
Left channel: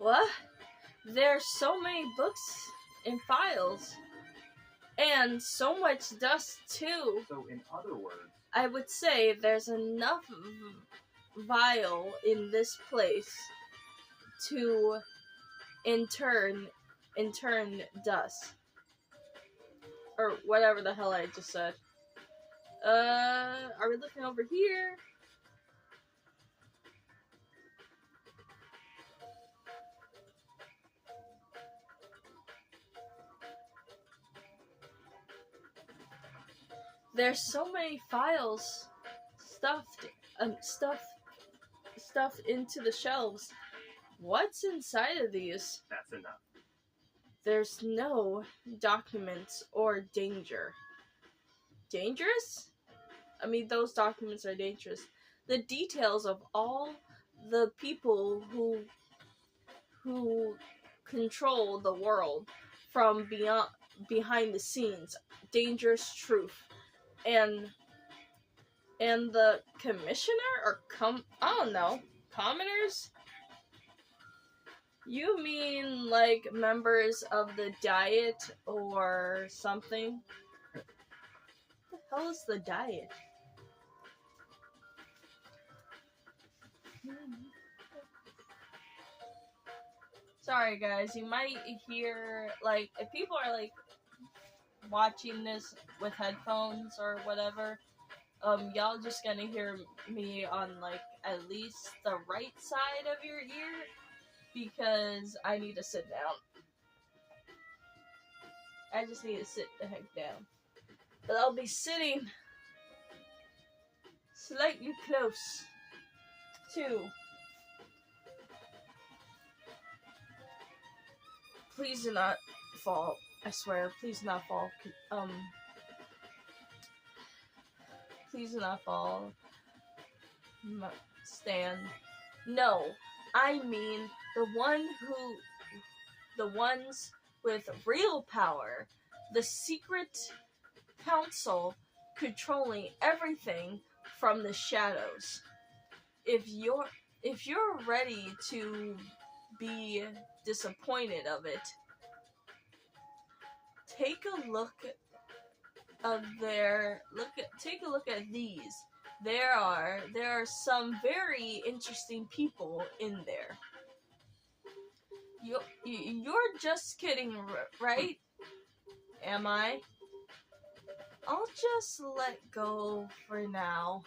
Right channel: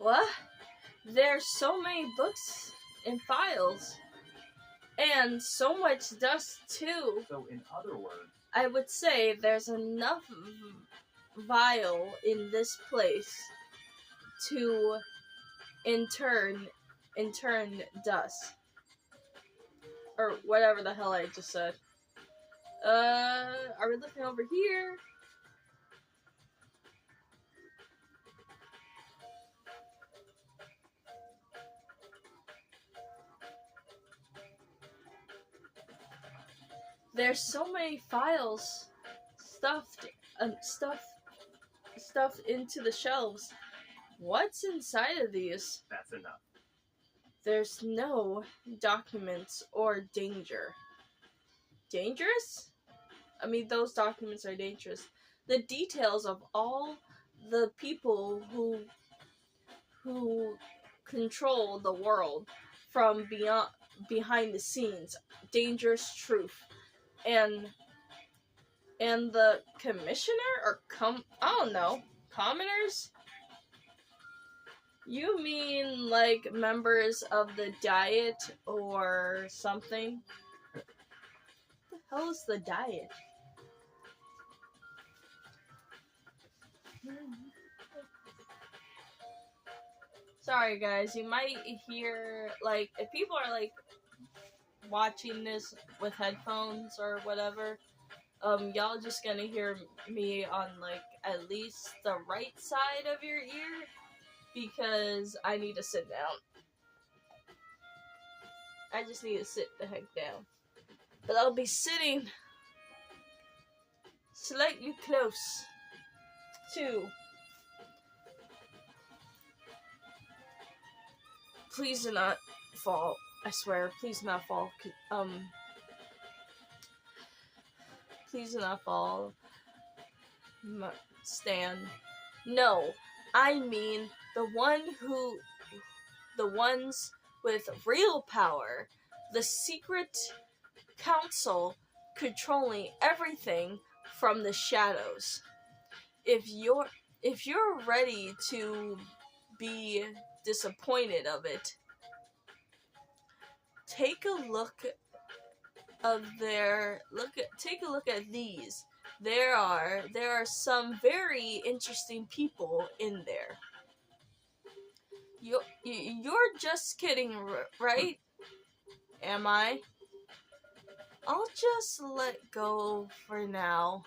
What? There's so many books and files. And so much dust, too. So, in other words, I would say there's enough vial in this place to intern dust. Or whatever the hell I just said. Are we looking over here? There's so many files stuffed into the shelves. What's inside of these? that's enough. There's no documents or danger. dangerous? I mean, those documents are dangerous. The details of all the people who control the world from behind the scenes, dangerous truth, and the commissioner or I don't know, commoners. You mean like members of the Diet or something? What the hell is the Diet? Sorry guys, you might hear, like, if people are like watching this with headphones or whatever, y'all just gonna hear me on like at least the right side of your ear because I need to sit down. I just need to sit the heck down. But I'll be sitting slightly close to. Please do not fall. I swear, please do not fall. Please do not fall. Stan. No, I mean the ones with real power. The secret council controlling everything from the shadows. If you're ready to be disappointed of it, take a look at these. There are some very interesting people in there. You're just kidding, right? Am I? I'll just let go for now.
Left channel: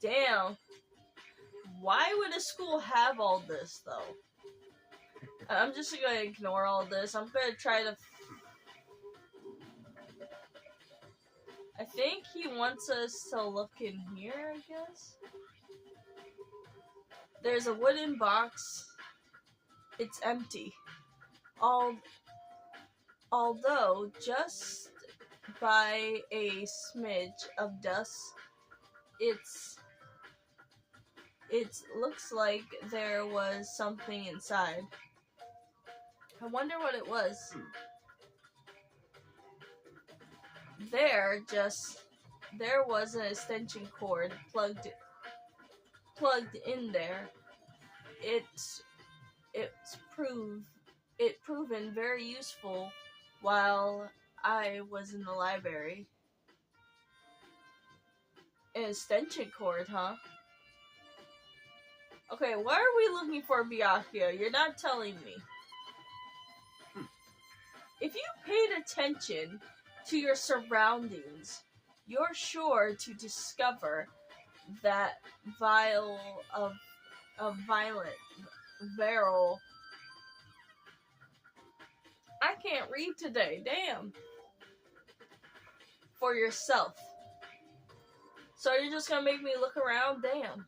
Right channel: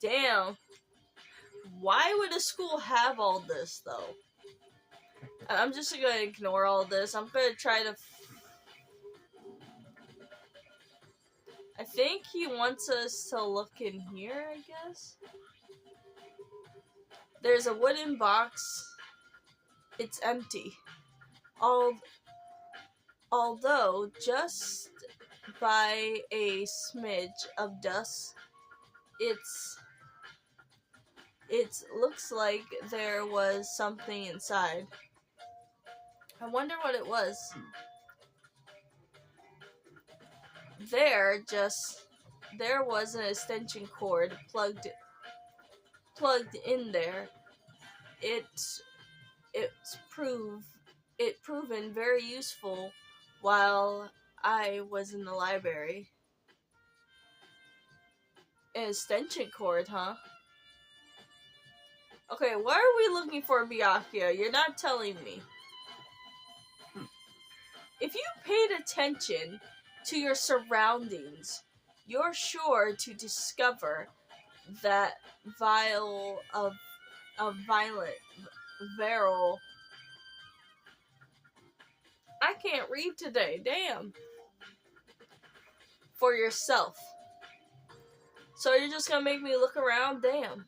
Damn. Why would a school have all this, though? I'm just gonna ignore all this. I'm gonna try to... I think he wants us to look in here, I guess? There's a wooden box. It's empty. Although, just by a smidge of dust, it looks like there was something inside. I wonder what it was. There was an extension cord plugged in there. It's proven very useful while I was in the library. An extension cord, huh? Okay, why are we looking for Byakuya? You're not telling me. If you paid attention to your surroundings, you're sure to discover that vial. I can't read today, damn. For yourself. So you're just gonna make me look around? Damn.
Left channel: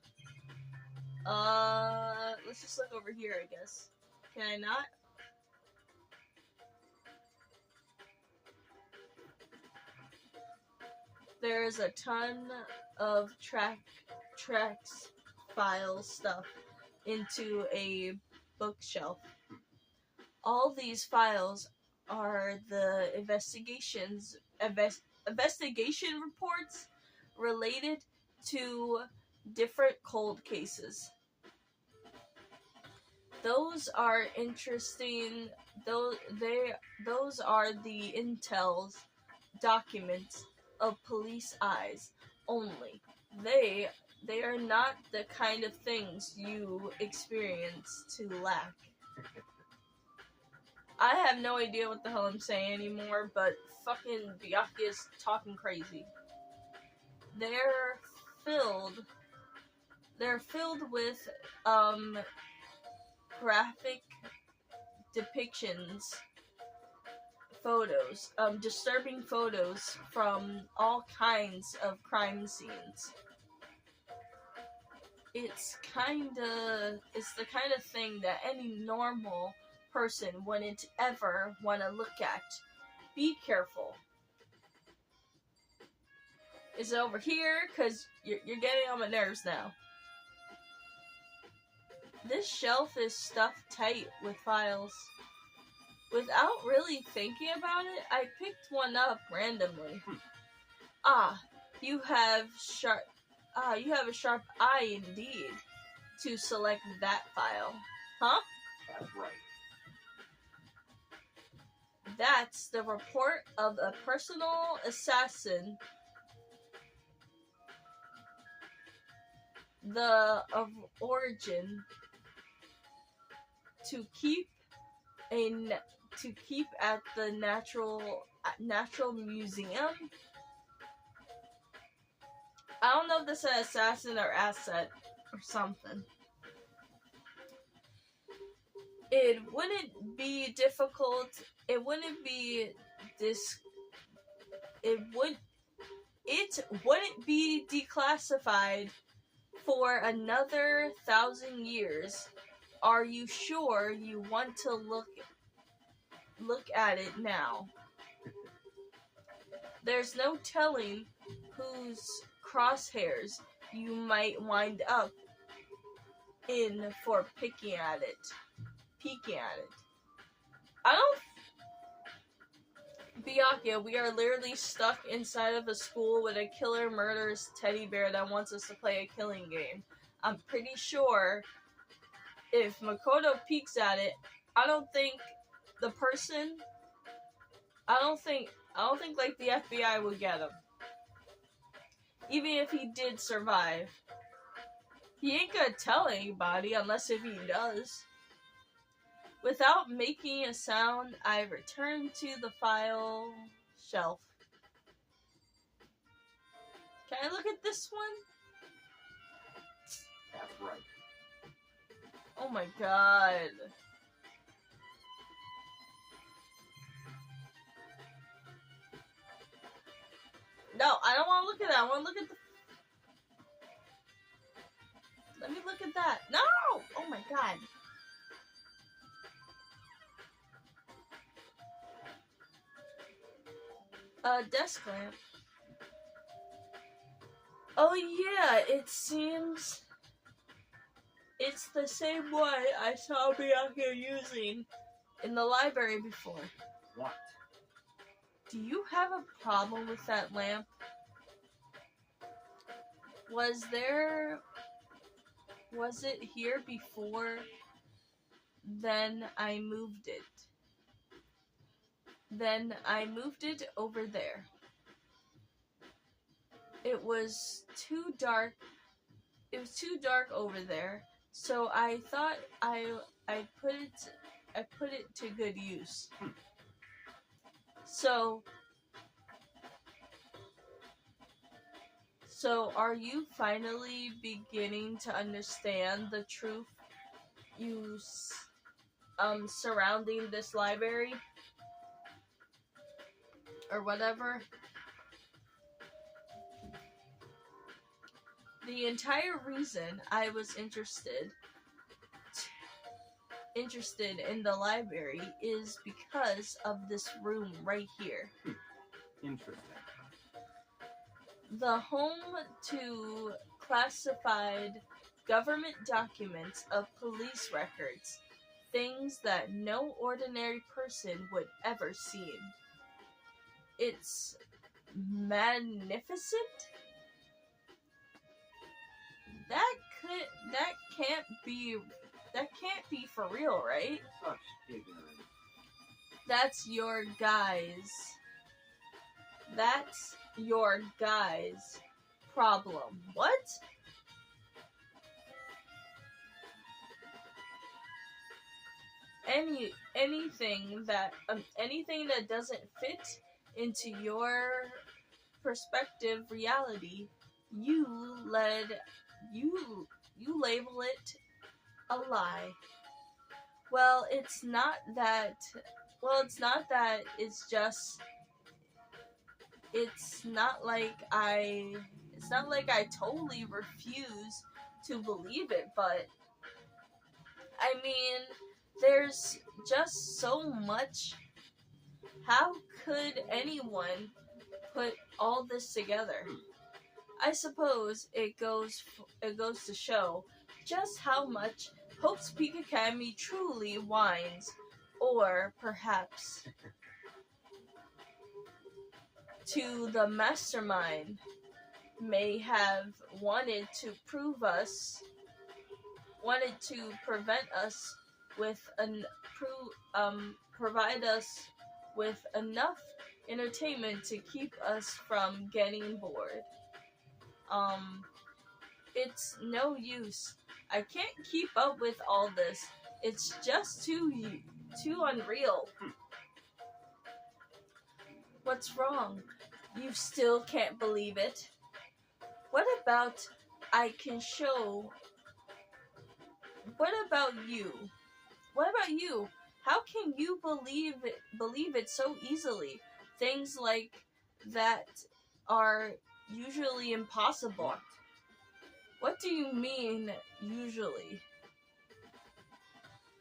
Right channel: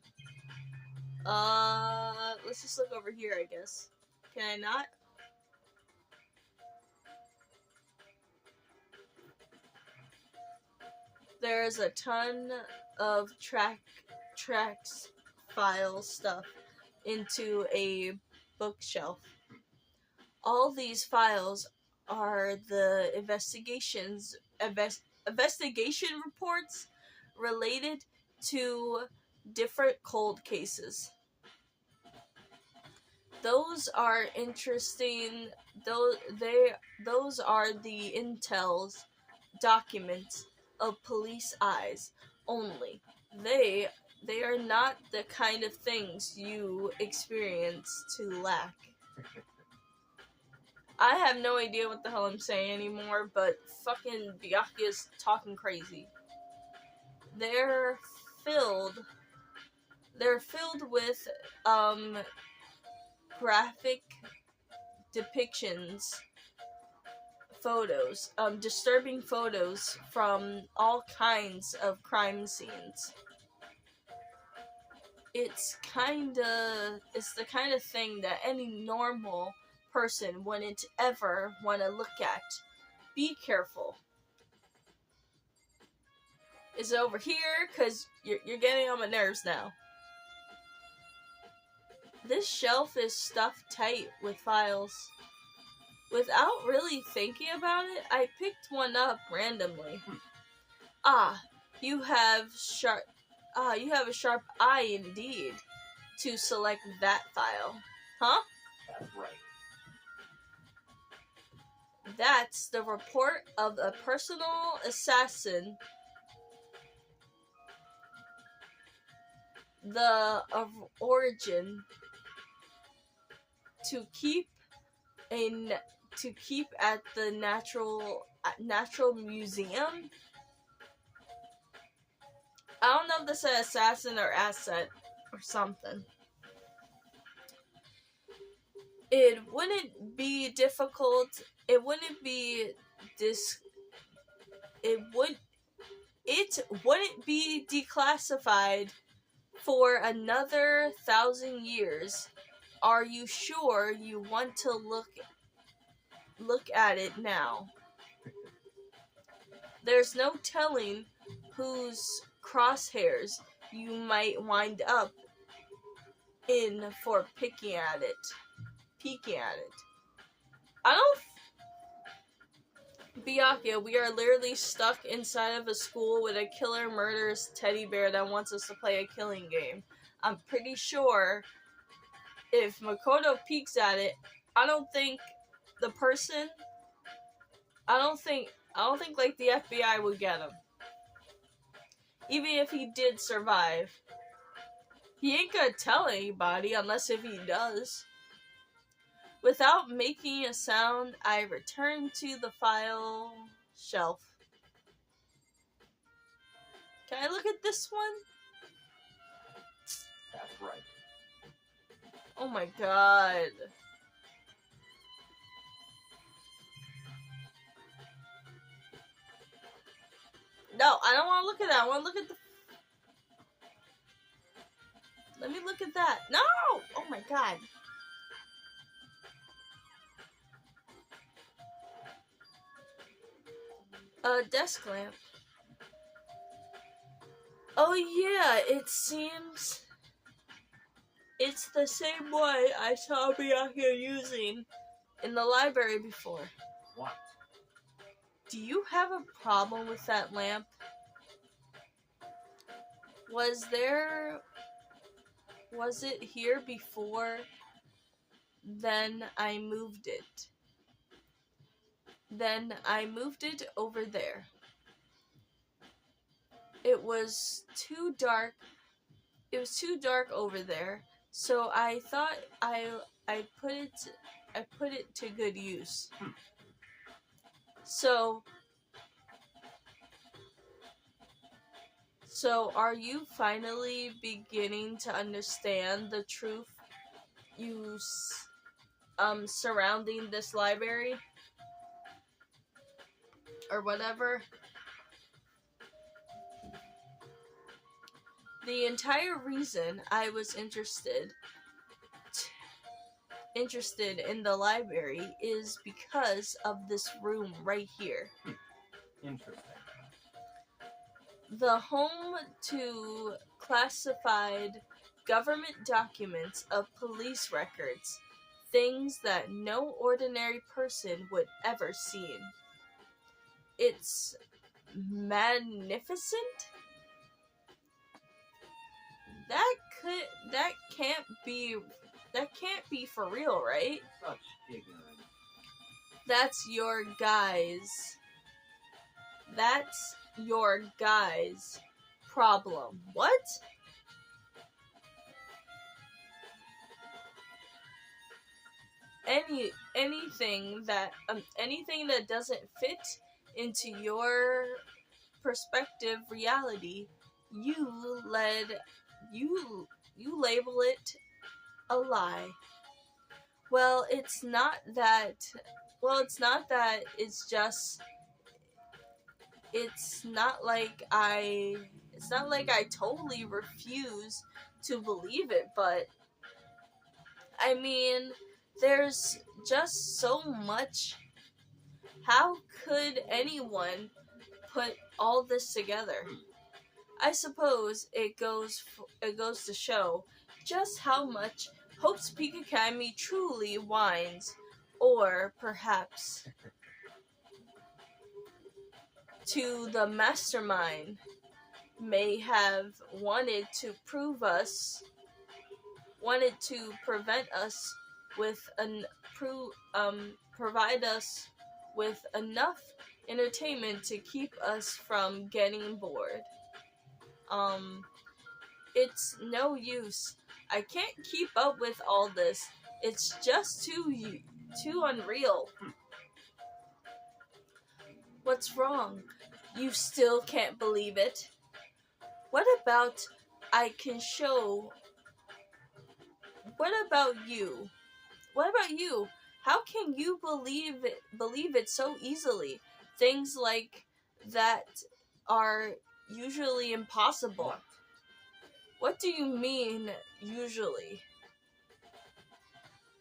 Let's just look over here, I guess. Can I not? There's a ton of tracks, file stuff into a bookshelf. All these files are the investigation reports related to different cold cases. Those are interesting. Those are the intel's documents of police eyes only. They are not the kind of things you experience to lack. I have no idea what the hell I'm saying anymore, but fucking Byakuya's talking crazy. They're filled with graphic depictions, photos, disturbing photos from all kinds of crime scenes. It's the kind of thing that any normal person wouldn't ever want to look at. Be careful. Is it over here? Because you're getting on my nerves now. This shelf is stuffed tight with files. Without really thinking about it, I picked one up randomly. You have a sharp eye indeed to select that file. Huh? That's right. That's the report of a personal assassin. Of origin to keep at the natural museum. I don't know if this is assassin or asset or something. It wouldn't be difficult. It wouldn't be It wouldn't be declassified for another 1,000 years. Are you sure you want to look at it now? There's no telling whose crosshairs you might wind up in for peeking at it. I don't... Byakuya, we are literally stuck inside of a school with a killer murders teddy bear that wants us to play a killing game. I'm pretty sure if Makoto peeks at it, I don't think like the FBI would get him. Even if he did survive. He ain't gonna tell anybody unless if he does. Without making a sound, I return to the file shelf. Can I look at this one? That's right. Oh my god. No, I don't want to look at that. I want to look at the... Let me look at that. No! Oh my god. Desk lamp. Oh yeah, it seems it's the same one I saw Byakuya using in the library before. What? Do you have a problem with that lamp? Was it here before? Then I moved it. Then I moved it over there. It was too dark. It was too dark over there, so I thought I put it to good use. So are you finally beginning to understand the truth surrounding this library? Or whatever. The entire reason I was interested in the library is because of this room right here. Interesting. The home to classified government documents of police records, things that no ordinary person would ever see. It's magnificent. That can't be for real, right? Such ignorance. That's your guy's problem. What? Anything that doesn't fit into your perspective reality, you label it a lie. Well, it's not that. It's not like I totally refuse to believe it, but I mean, there's just so much. How could anyone put all this together? I suppose it goes to show just how much Hope's Peak Academy truly whines, or perhaps to the mastermind may have wanted to prevent us with provide us with enough entertainment to keep us from getting bored. It's no use. I can't keep up with all this. It's just too unreal. What's wrong? You still can't believe it? What about I can show? What about you? What about you? How can you believe it so easily? Things like that are usually impossible. What do you mean, usually?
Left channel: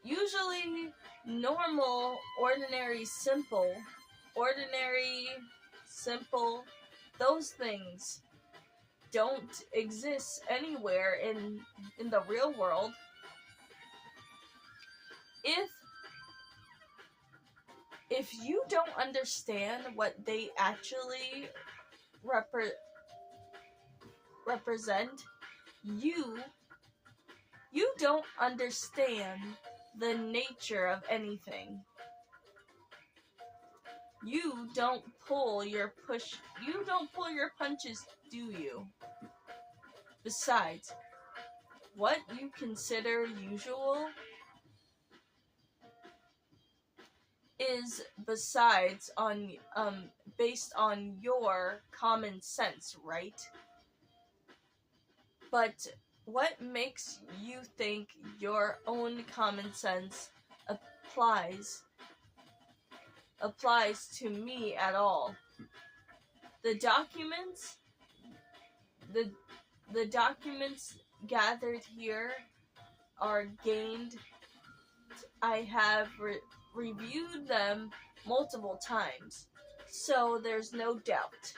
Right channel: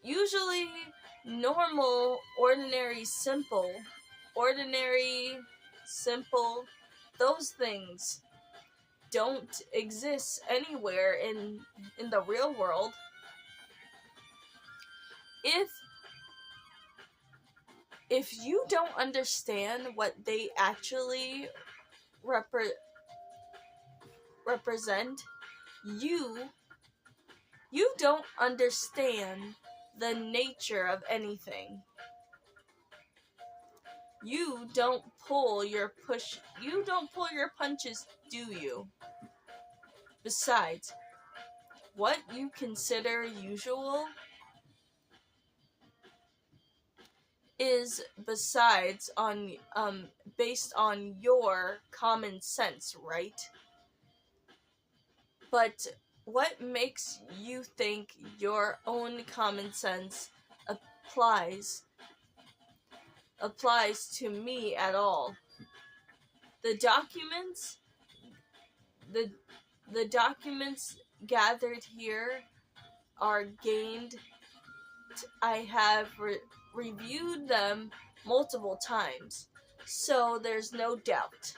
Usually, normal, ordinary, simple, those things don't exist anywhere in the real world. If you don't understand what they actually represent, you don't understand the nature of anything. You don't pull your punches, do you? Besides, what you consider usual is based on your common sense, right? But what makes you think your own common sense applies to me at all? The documents gathered here are gained. I have reviewed them multiple times, so there's no doubt.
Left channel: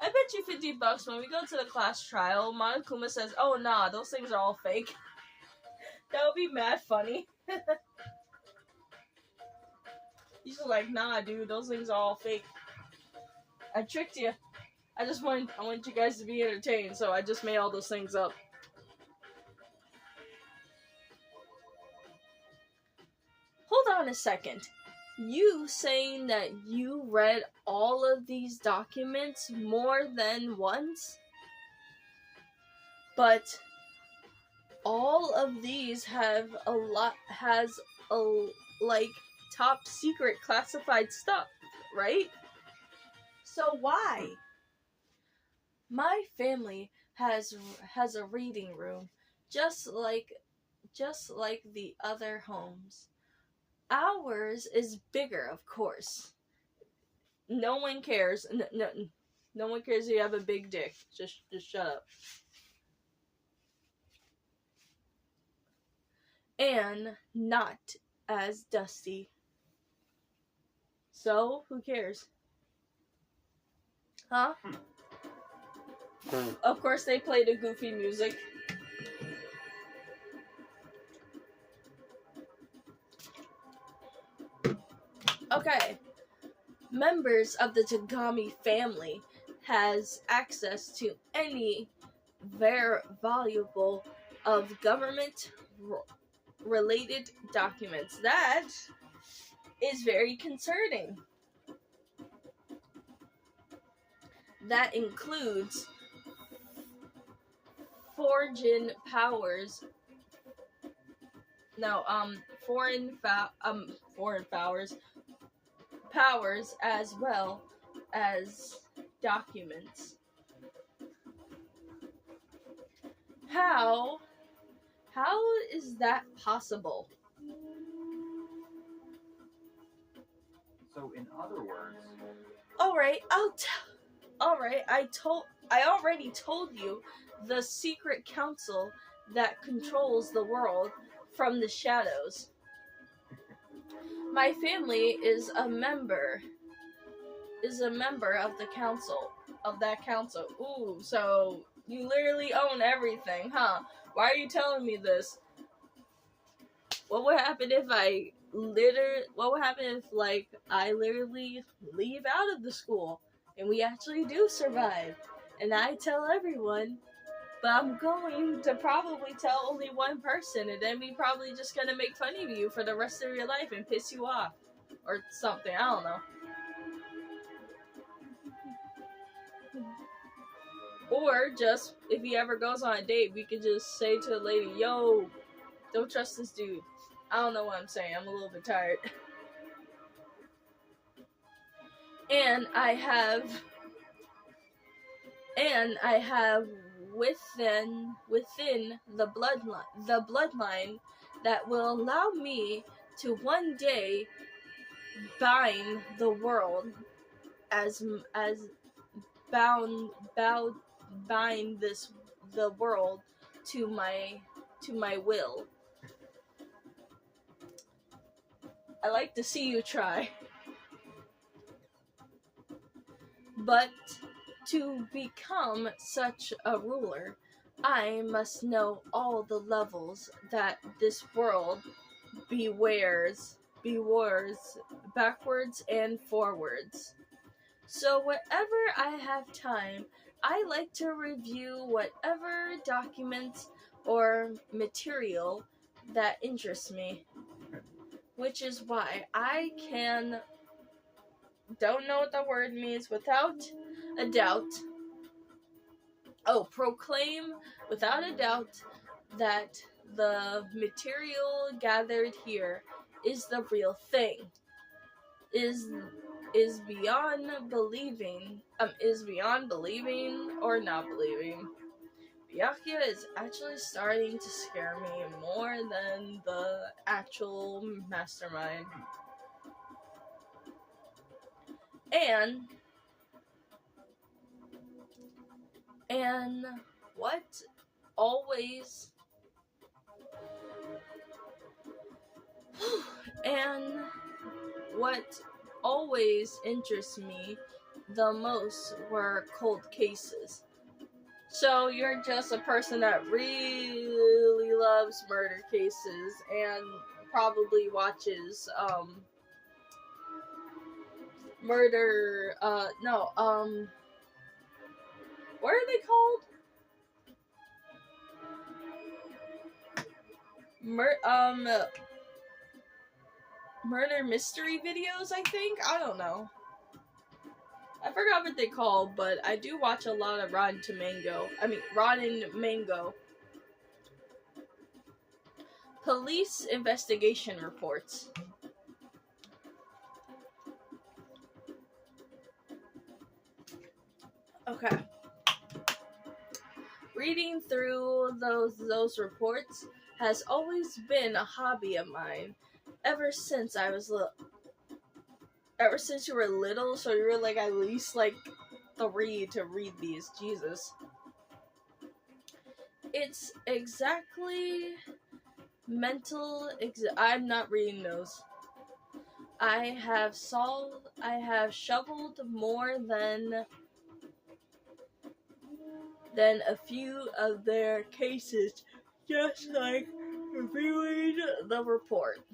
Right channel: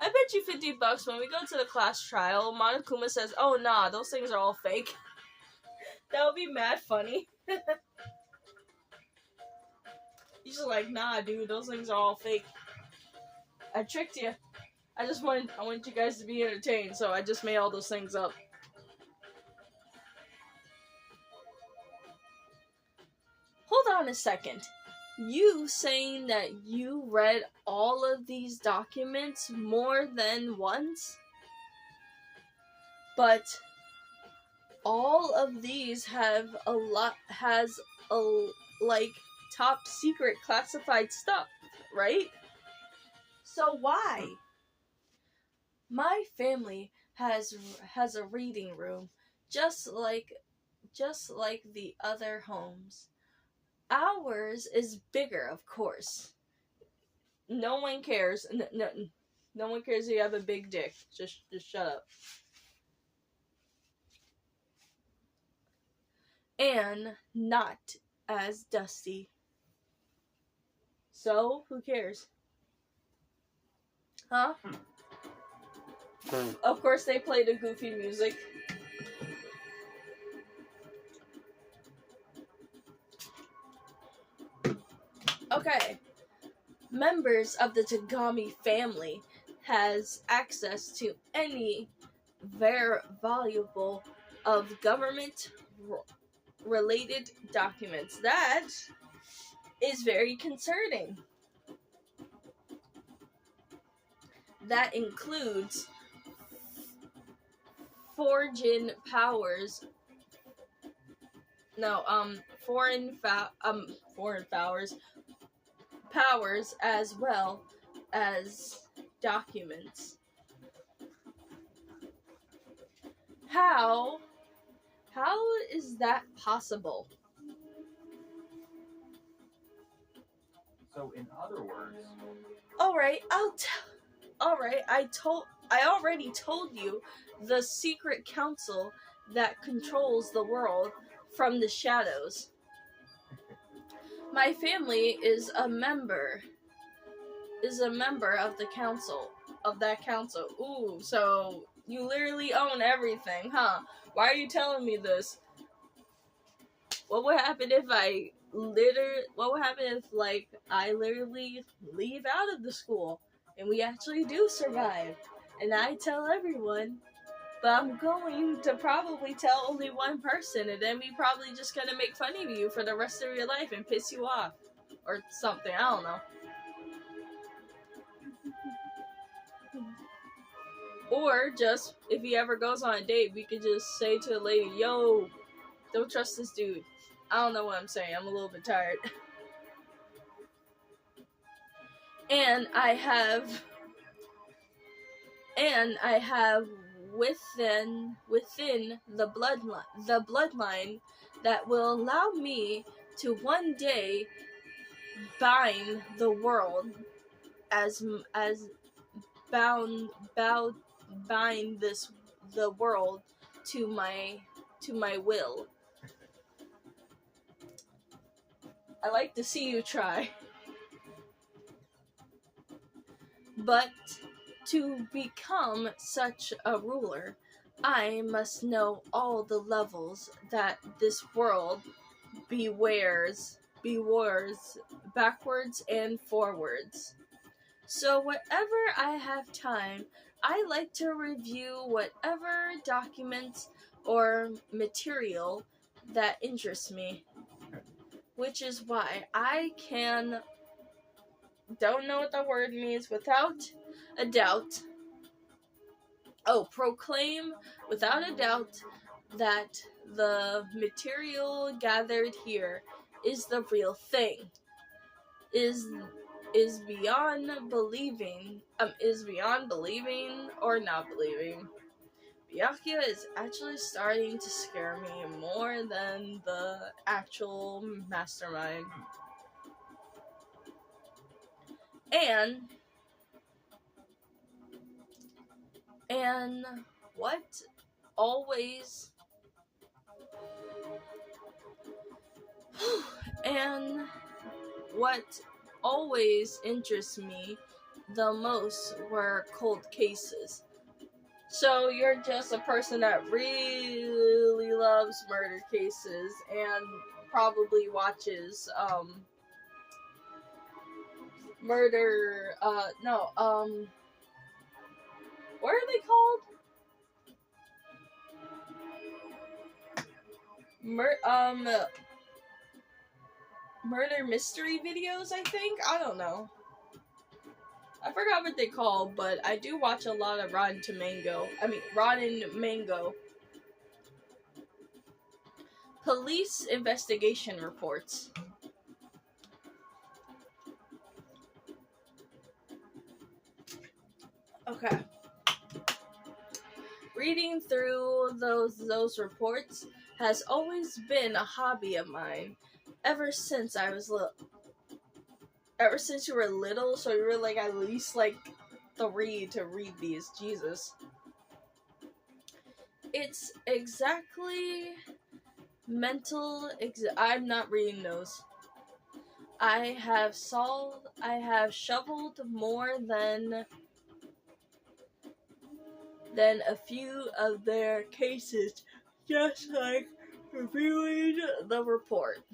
I bet you $50 when we go to the class trial, Monokuma says, "Oh nah, those things are all fake." That would be mad funny. He's just like, "Nah, dude, those things are all fake. I tricked you. I want you guys to be entertained, so I just made all those things up." Hold on a second. You saying that you read all of these documents more than once? But all of these has top secret classified stuff, right? So why? My family has a reading room just like the other homes. Ours is bigger, of course. No one cares. No one cares if you have a big dick. Just shut up. And not as dusty. So, who cares? Huh? Of course they play the goofy music. Okay. Members of the Tagami family has access to any very valuable of government related documents. That is very concerning. That includes foreign powers as well as documents. How is that possible? So, in other words, Alright, I already told you the secret council that controls the world from the shadows. My family is a member of the council. of that council. Ooh, so you literally own everything, huh? Why are you telling me this? What would happen if what would happen if, like, I literally leave out of the school and we actually do survive? And I tell everyone, but I'm going to probably tell only one person, and then we probably just gonna make fun of you for the rest of your life and piss you off. Or something, I don't know. Or just, if he ever goes on a date, we could just say to a lady, yo, don't trust this dude. I don't know what I'm saying, I'm a little bit tired. And I have within the bloodline that will allow me to one day bind the world bind the world to my will. I like to see you try. But to become such a ruler, I must know all the levels that this world bewares backwards and forwards. So whenever I have time, I like to review whatever documents or material that interests me. Which is why I don't know what the word means without a doubt. Proclaim without a doubt that the material gathered here is the real thing. Is beyond believing or not believing. Byakuya is actually starting to scare me more than the actual mastermind. And what always interests me the most were cold cases. So you're just a person that really loves murder cases and probably watches what are they called? Murder mystery videos, I think? I don't know. I forgot what they call, but I do watch a lot of Rotten Mango. Police investigation reports. Okay. Reading through those reports has always been a hobby of mine ever since I was little. Ever since you were little, so you were like at least like 3 to read these. Jesus. It's exactly I'm not reading those. I have shoveled more than a few of their cases, just like reviewing the report.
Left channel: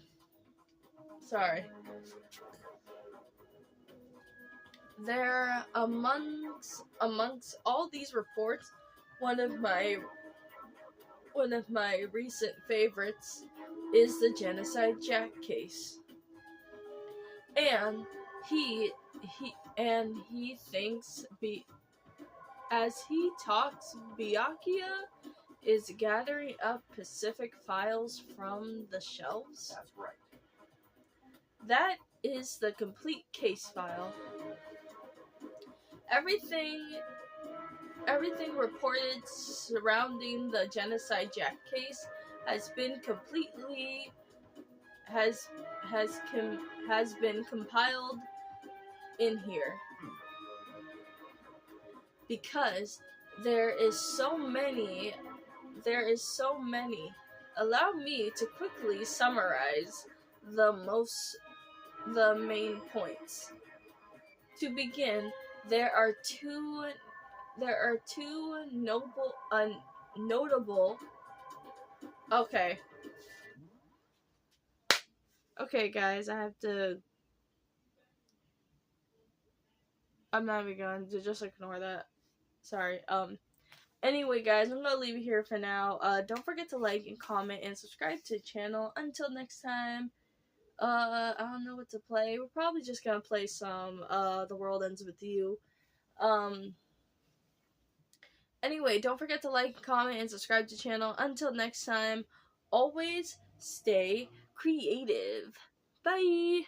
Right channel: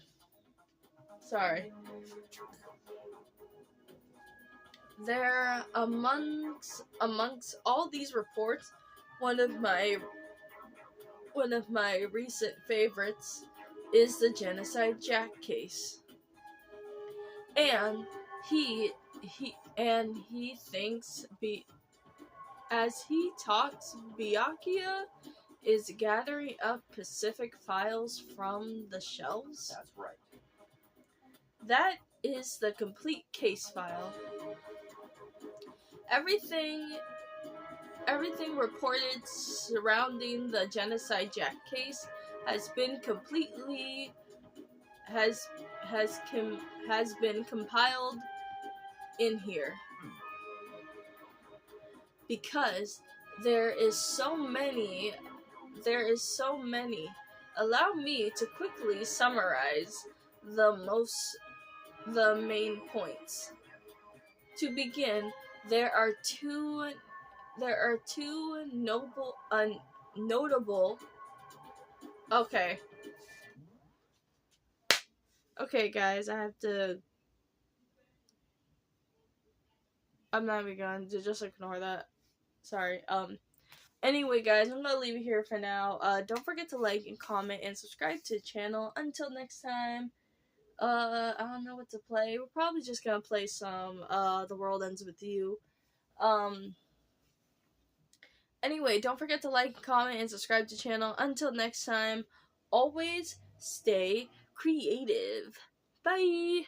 Sorry. There, amongst all these reports, one of my recent favorites is the Genocide Jack case. And he thinks as he talks, Byakuya is gathering up Pacific files from the shelves. That's right. That is the complete case file. Everything reported surrounding the Genocide Jack case has been compiled in here. Because there is so many. Allow me to quickly summarize the main points. To begin, there are two notable. Okay. Okay, guys, I have to. I'm not even going to just ignore that. Sorry. Anyway, guys, I'm gonna leave it here for now. Don't forget to like and comment and subscribe to the channel. Until next time. I don't know what to play. We're probably just gonna play some The World Ends With You. Anyway, don't forget to like, comment, and subscribe to the channel. Until next time, always stay creative. Bye!